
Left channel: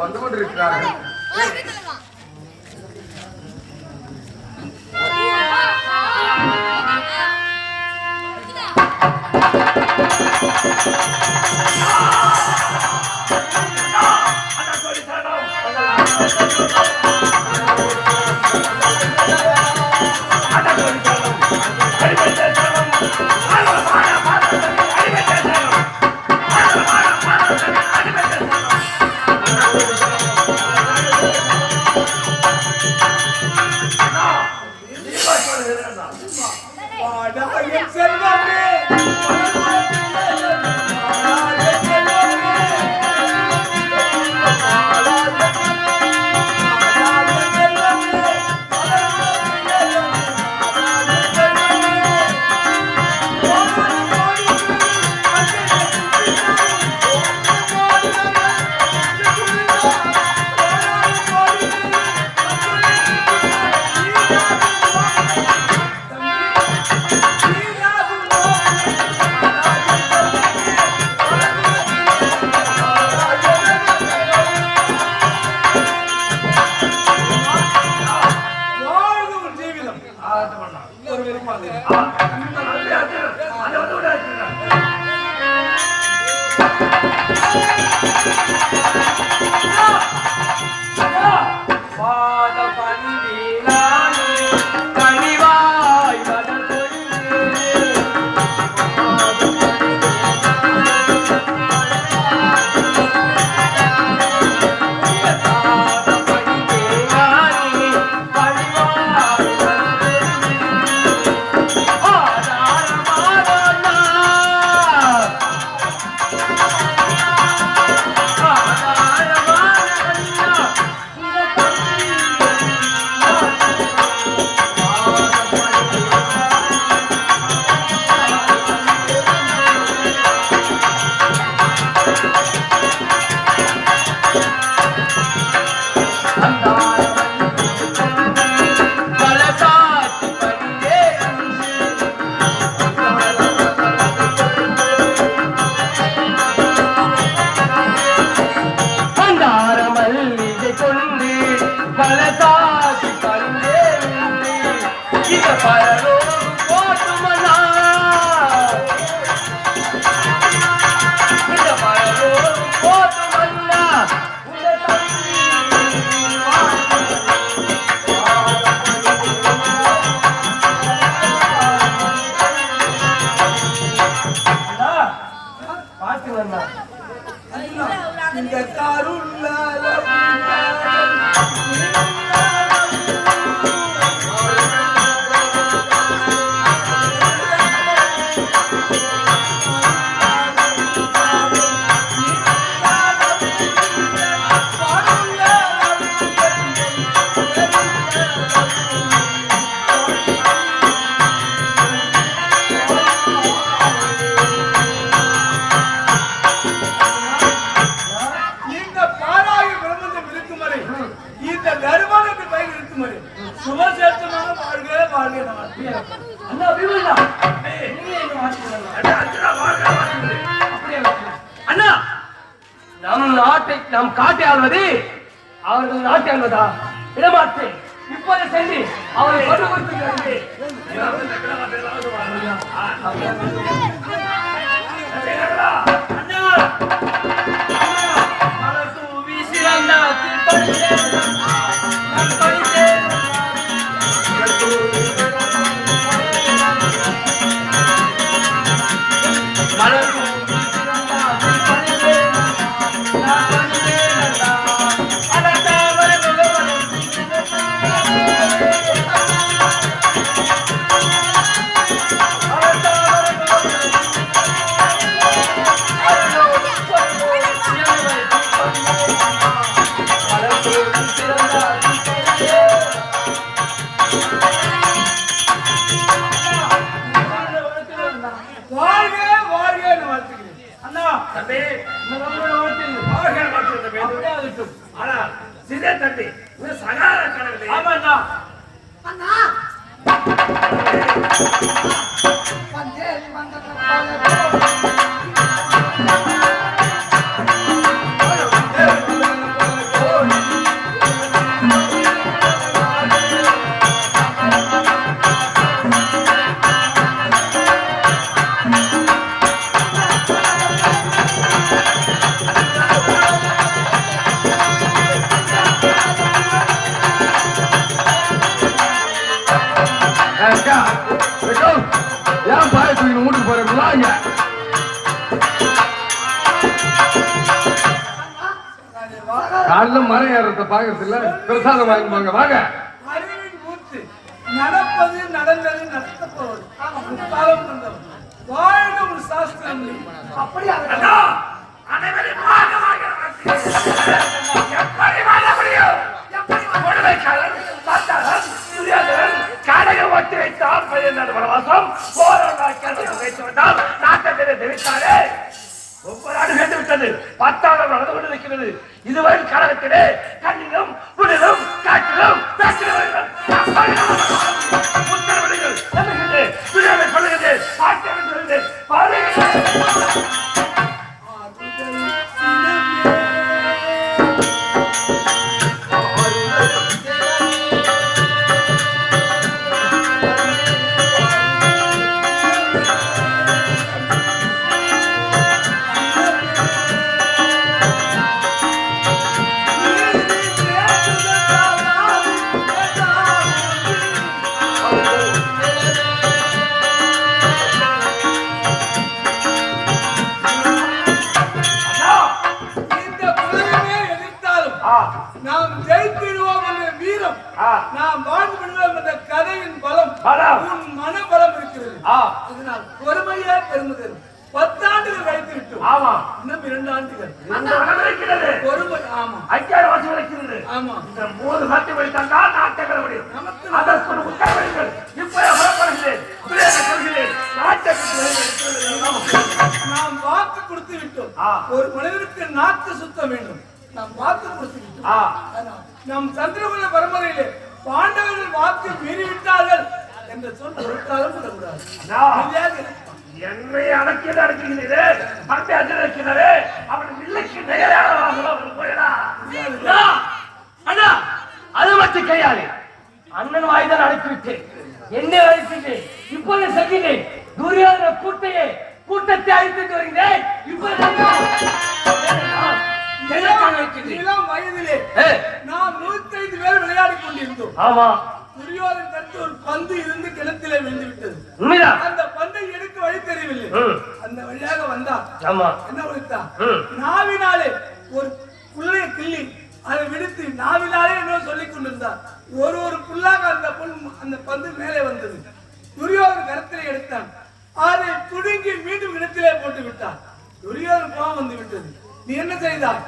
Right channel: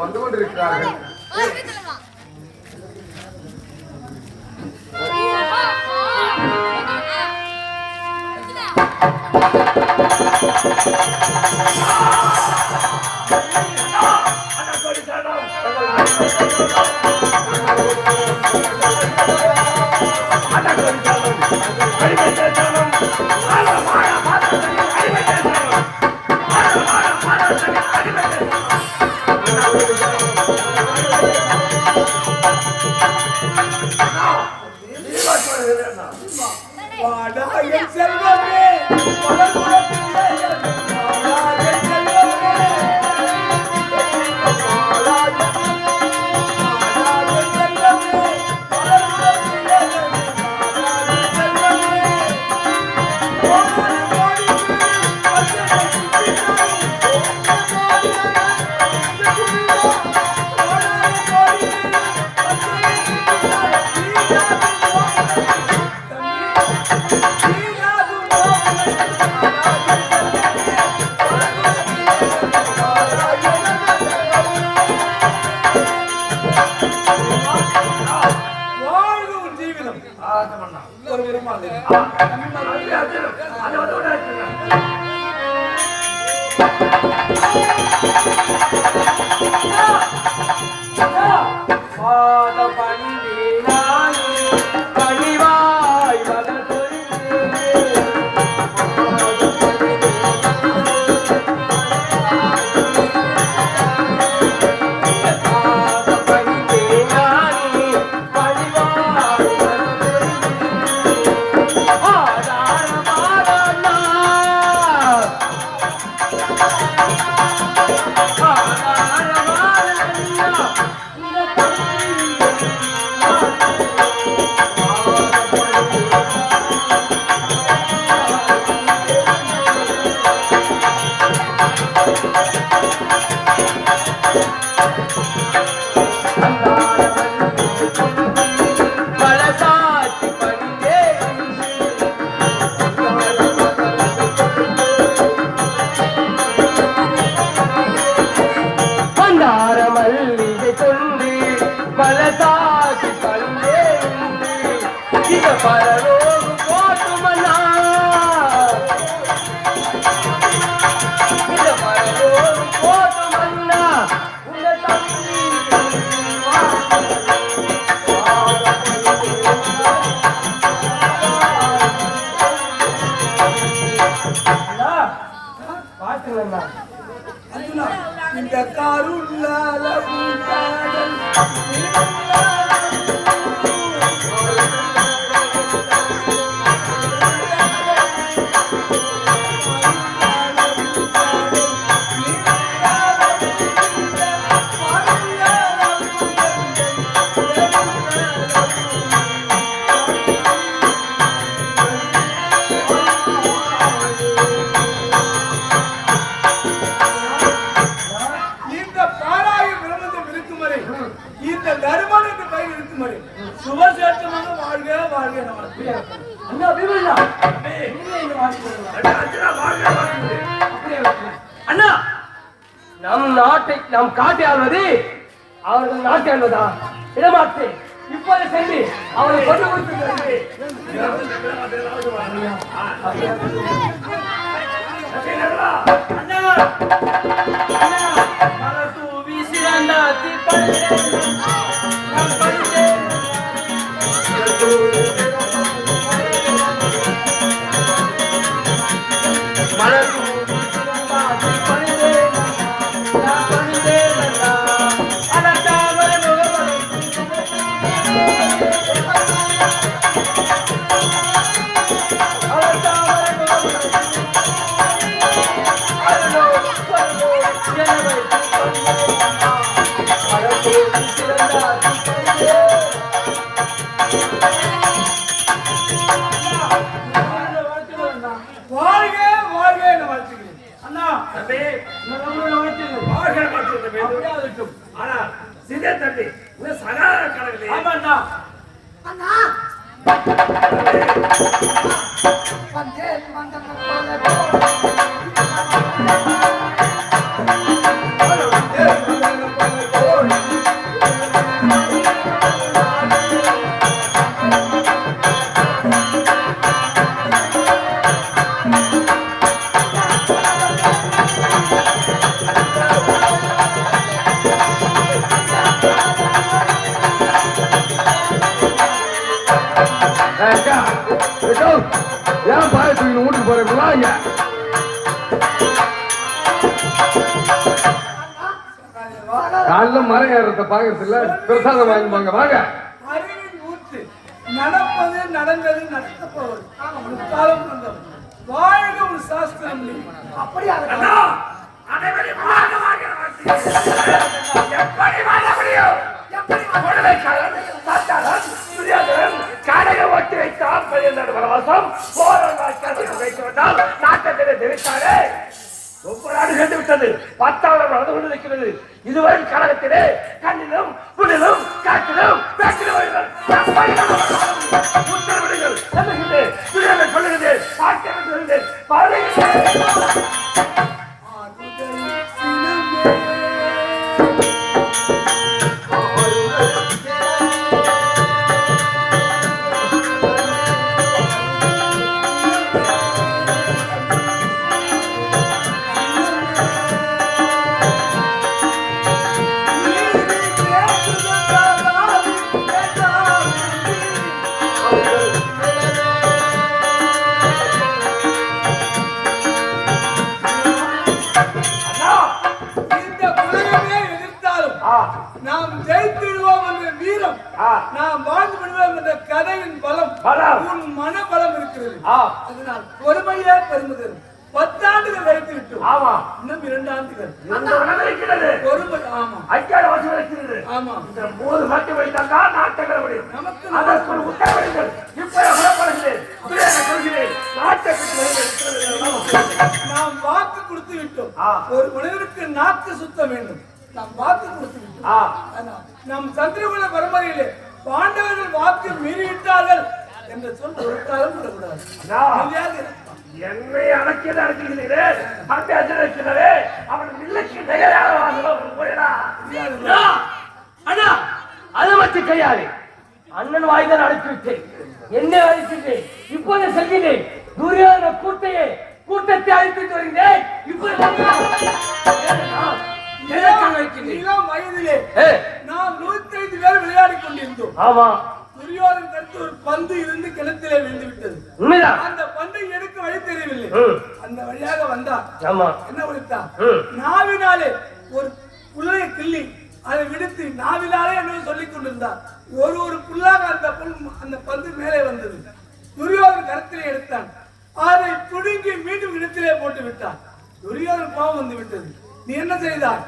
வந்து கொண்டிருக்கிறார்கள். பணிவா இந்த பரலோகம் போட்டுமன்னா இந்த பரலோகம் போட்டுமன்னா உள்ள தம்பி பாட்டு வந்தா இந்த கருள்ளால இந்த பாராய பிரபந்தம் இருக்கும் வரை இந்த தர்மனுக்கு பெயர் இருக்கும் வரை சுபசேத்தமாக வாழ்க வாழ்க நமக்கு. அண்ணா விமலா நீங்க இந்த வாசி அண்ணா நம் காட்டை ஆள்வது அவர்கள் நாட்டை ஆள்வதா இடமாற்று இப்போது சென்று அவரை கொண்டு கொடுக்கிறார்கள் வாழ்க வாழ்க என வாழ்த்துகிறேன். அண்ணா ஆனா சிறிய தம்பி சகார கடவுளே ஆமாண்ணா அண்ணா ஏன் பாயத்துக்கு வீட்டுக்கு போறீங்களா இங்க காலைல மரம் ஏறத பாக்கிறதுல பிரசாதம் வாங்க வாங்க அறிவின் ஊற்று நடப்பது நடந்தது நடக்கப்போவது முக்காலம் இருந்தது வாழ்க ஒரு சாஸ்திரம் அப்படியா அண்ணா அனைவரையும் வாங்க வாங்க எப்படி வாழ முடியும் கொடுமைக்காரன் சாத்தாரன் துரியோதனன் காடையை ஒட்டி வைத்தால் 14 வனவாசம் போராட்டம் வைத்து விட்டால் நாட்டத்திலே தெரிவித்தாரே 9 ஆண்டு சென்று விட்டது 10ஆவது நடந்து கொண்டு இருக்கிறது இதுவரை கழகத்திலே கண்ணிலும் புனிலும் காற்றிலும் உத்தரவிடுங்கள் சொல்லுகிறேன் துரியோதனன் சொல்லுகிறேன் பாட்டாளி சொல்லுகிறேன் பாருங்கள் நாம் ஜெயித்திடுவோம் என்ற வீரம் நாம் வாழ்ந்து விடுவோம் என்ற கதையின் பலம் உன் மன பலம் இருக்கிறது அதனால் பொறுமையே பெருமுதல் 10 ஆண்டுகள் கழித்து விட்டோம் ஆமா இன்னும் 2 ஆண்டுகள் இருக்கிறது பொறுமை ஆமா 5000 வருஷம் இருக்கிறது ஆமா இந்த 3 மாட்டி வைத்தாங்க நாட்டை முடியும் நமக்கு அதற்கு உத்தரவிடுங்கள் இப்போ எவ்வளவு நாம் வாக்கு கொடுத்து விட்டோம் ஒரு மனிதனுக்கு நாக்கு சுத்த வேண்டும் நாம் வாக்கு கொடுத்து விட்டோம் நம் சந்திரகுல பரம்பரையிலே பாண்டவர்கள் வாக்கு மீறிவிட்டார்கள் என்ற சொல் ஒரு காலம் சொல்லக்கூடாது என்னை அடக்கியது அடக்குகிறீரே பண்பை அஜிக்கிறே அவன் வில்லைக்கு தயாராக போயிடா அண்ணா அது மட்டும் கிடையாது அண்ணன் வாய்தான் அனுப்பிவிட்டேன் என்ன அழைச்சிட்டேன் இப்போது சொல்கிறேன் துரியோதன கூட்டத்தை அழைத்துட்டு வருகிறேன் இளம் வயதிலே நாம் 105 பேர் விளையாடிக் கொண்டிருந்தோம். ஆமா துரியோதன் கருத்து ஒரு பந்து இருந்து கிணத்திலே விழுந்து விட்டது. உண்மைதான். அந்த பந்தை எடுக்க வழி தெரியவில்லை. அந்த வழியாக வந்தா ஆமா என்ன விழுத்தா நாவினாலே ஒரு புல்லை கிள்ளி அதை விடுத்து நாவினாலே என்ன சொல்லிக் கொண்டிருந்தார். ஒரு புல்லாக அந்த பந்து மேலே வந்தது. துரியோதன் கருத்திலே எடுத்தான். அதை துடுங்கி மீண்டும் கிணத்திலே போட்டு விட்டான். துரியோதன் கோபம் வந்து விட்டது. நீ என்ன செய்தார்?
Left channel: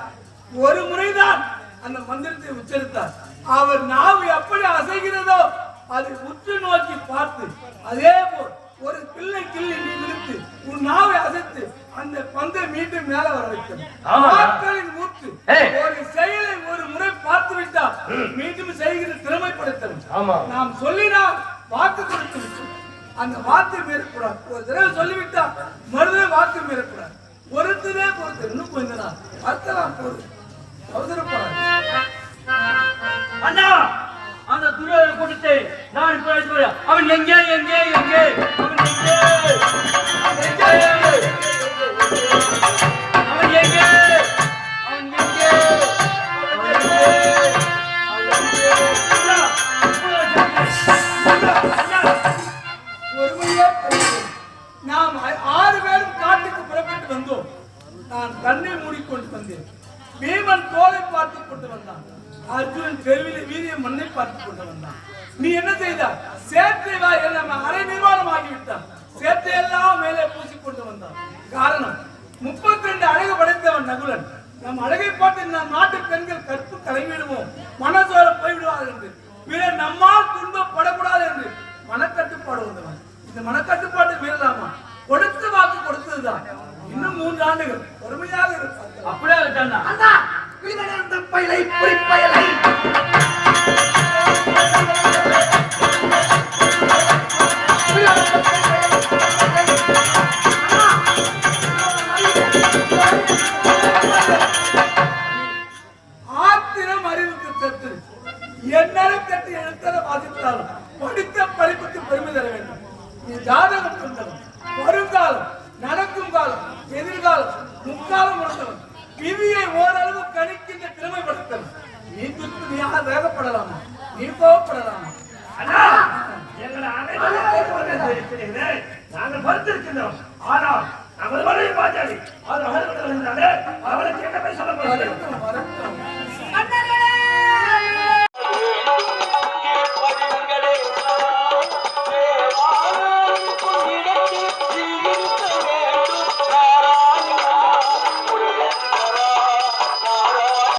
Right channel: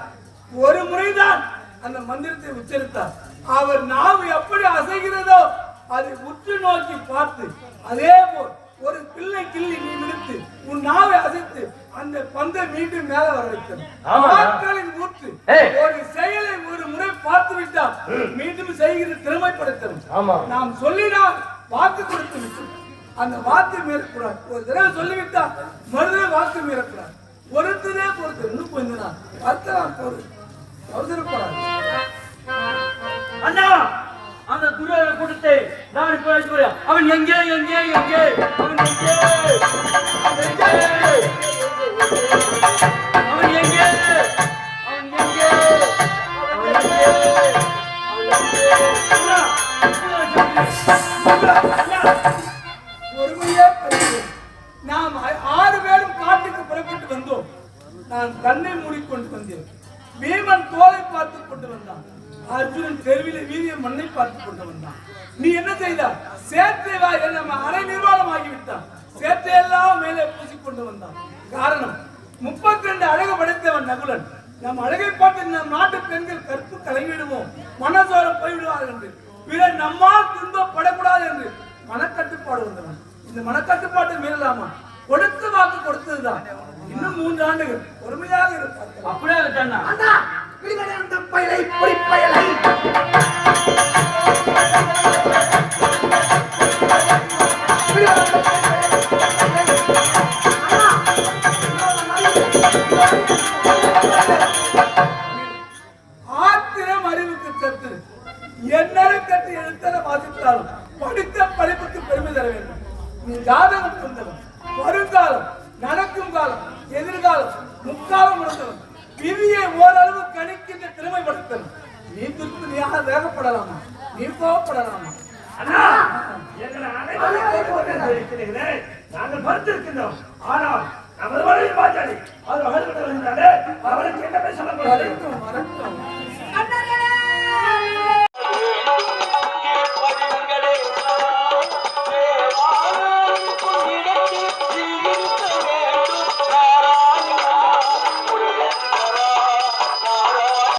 ஒரு முறைதான் அந்த மந்திரத்தை உச்சரித்தார். அவர் நாவு எப்படி அசைகிறதோ அதை உற்று நோக்கி பார்த்து அதே போல் ஒரு பிள்ளை கிள்ளி நீ விடுத்து உன் நாவை அசைத்து அந்த பந்தை மீண்டும் மேல வர வைத்தது. வாக்குகளின் ஊற்று ஒரு செயலை ஒரு முறை பார்த்து விட்டால் மீண்டும் செய்கிற திறமைப்படுத்தணும். நாம் சொல்லினால் வாக்கு கொடுத்து விட்டோம். அந்த வாக்கு மீறக்கூடாது. ஒரு தடவை சொல்லிவிட்டா மறுதடவை வாக்கு மீறக்கூடாது. பொறுத்ததே பொறுத்து இன்னும் கொஞ்ச நாள் பார்க்கலாம். போது அவசரப்படாது. அண்ணா அந்த துரியோதன கூட்டத்தை நான் போய் அவன் எங்கே எங்கே எங்கே அவன் எங்கே அவன் எங்கே அவன் எங்கே அவன் எங்கே பொறுமையே நாம் 6 பேரும் காட்டுக்கு புறப்பட்டு வந்தோம். நான் கண்ணை மூடிக்கொண்டு வந்தேன். பீமன் தோலை பார்த்து கொண்டு வந்தான். அர்ஜுனன் தெருவிலே வீரிய மண்ணை பார்த்து கொண்டு வந்தான். நீ என்ன செய்தார்? சேற்றை வா நம்ம அரை நிர்வாணம் ஆகிவிட்டான். சேற்றை எல்லாம் மேலே பூசிக்கொண்டு வந்தான். காரணம் 32 அழகு படைத்தவன் நகுலன். நம் அழகை பார்த்து நம் நாட்டு பெண்கள் கற்பு கலங்கிடுவோம், மனசோர போய்விடுவார்கள் என்று, பிறர் நம்மால் துன்பப்படக்கூடாது என்று மனக்கட்டுப்பாடு வந்தவன். இந்த மனக்கட்டுப்பாட்டை மீறலாமா? கொடுத்த வாக்கு கொடுத்ததுதான். இன்னும் 3 ஆண்டுகள் பொறுமையாக இருப்பார்கள். அப்படியே இருக்காண்ணா. அண்ணா விடுதலை அந்த பயலை பொறிப்பயலை ஆத்திரம் அறிவுக்கு கற்று என்னென்ன கற்று எழுத்தர வாசித்தாலும் படித்த படிப்புக்கு பெருமை தர வேண்டும். நீ ஜாதகம் கொண்டவன். வருங்காலம், நடக்கும் காலம், எதிர்காலம், முக்காலம் உணர்ந்தவன். விதியை ஓரளவு கணிக்கின்ற திறமைப்படுத்தணும். நீ துன்பதியாக வேகப்படலாமா? நீ கோவப்படலாமா? அண்ணா எங்களை அனைவரும் நாங்கள் பொறுத்திருக்கின்றோம். ஆனால்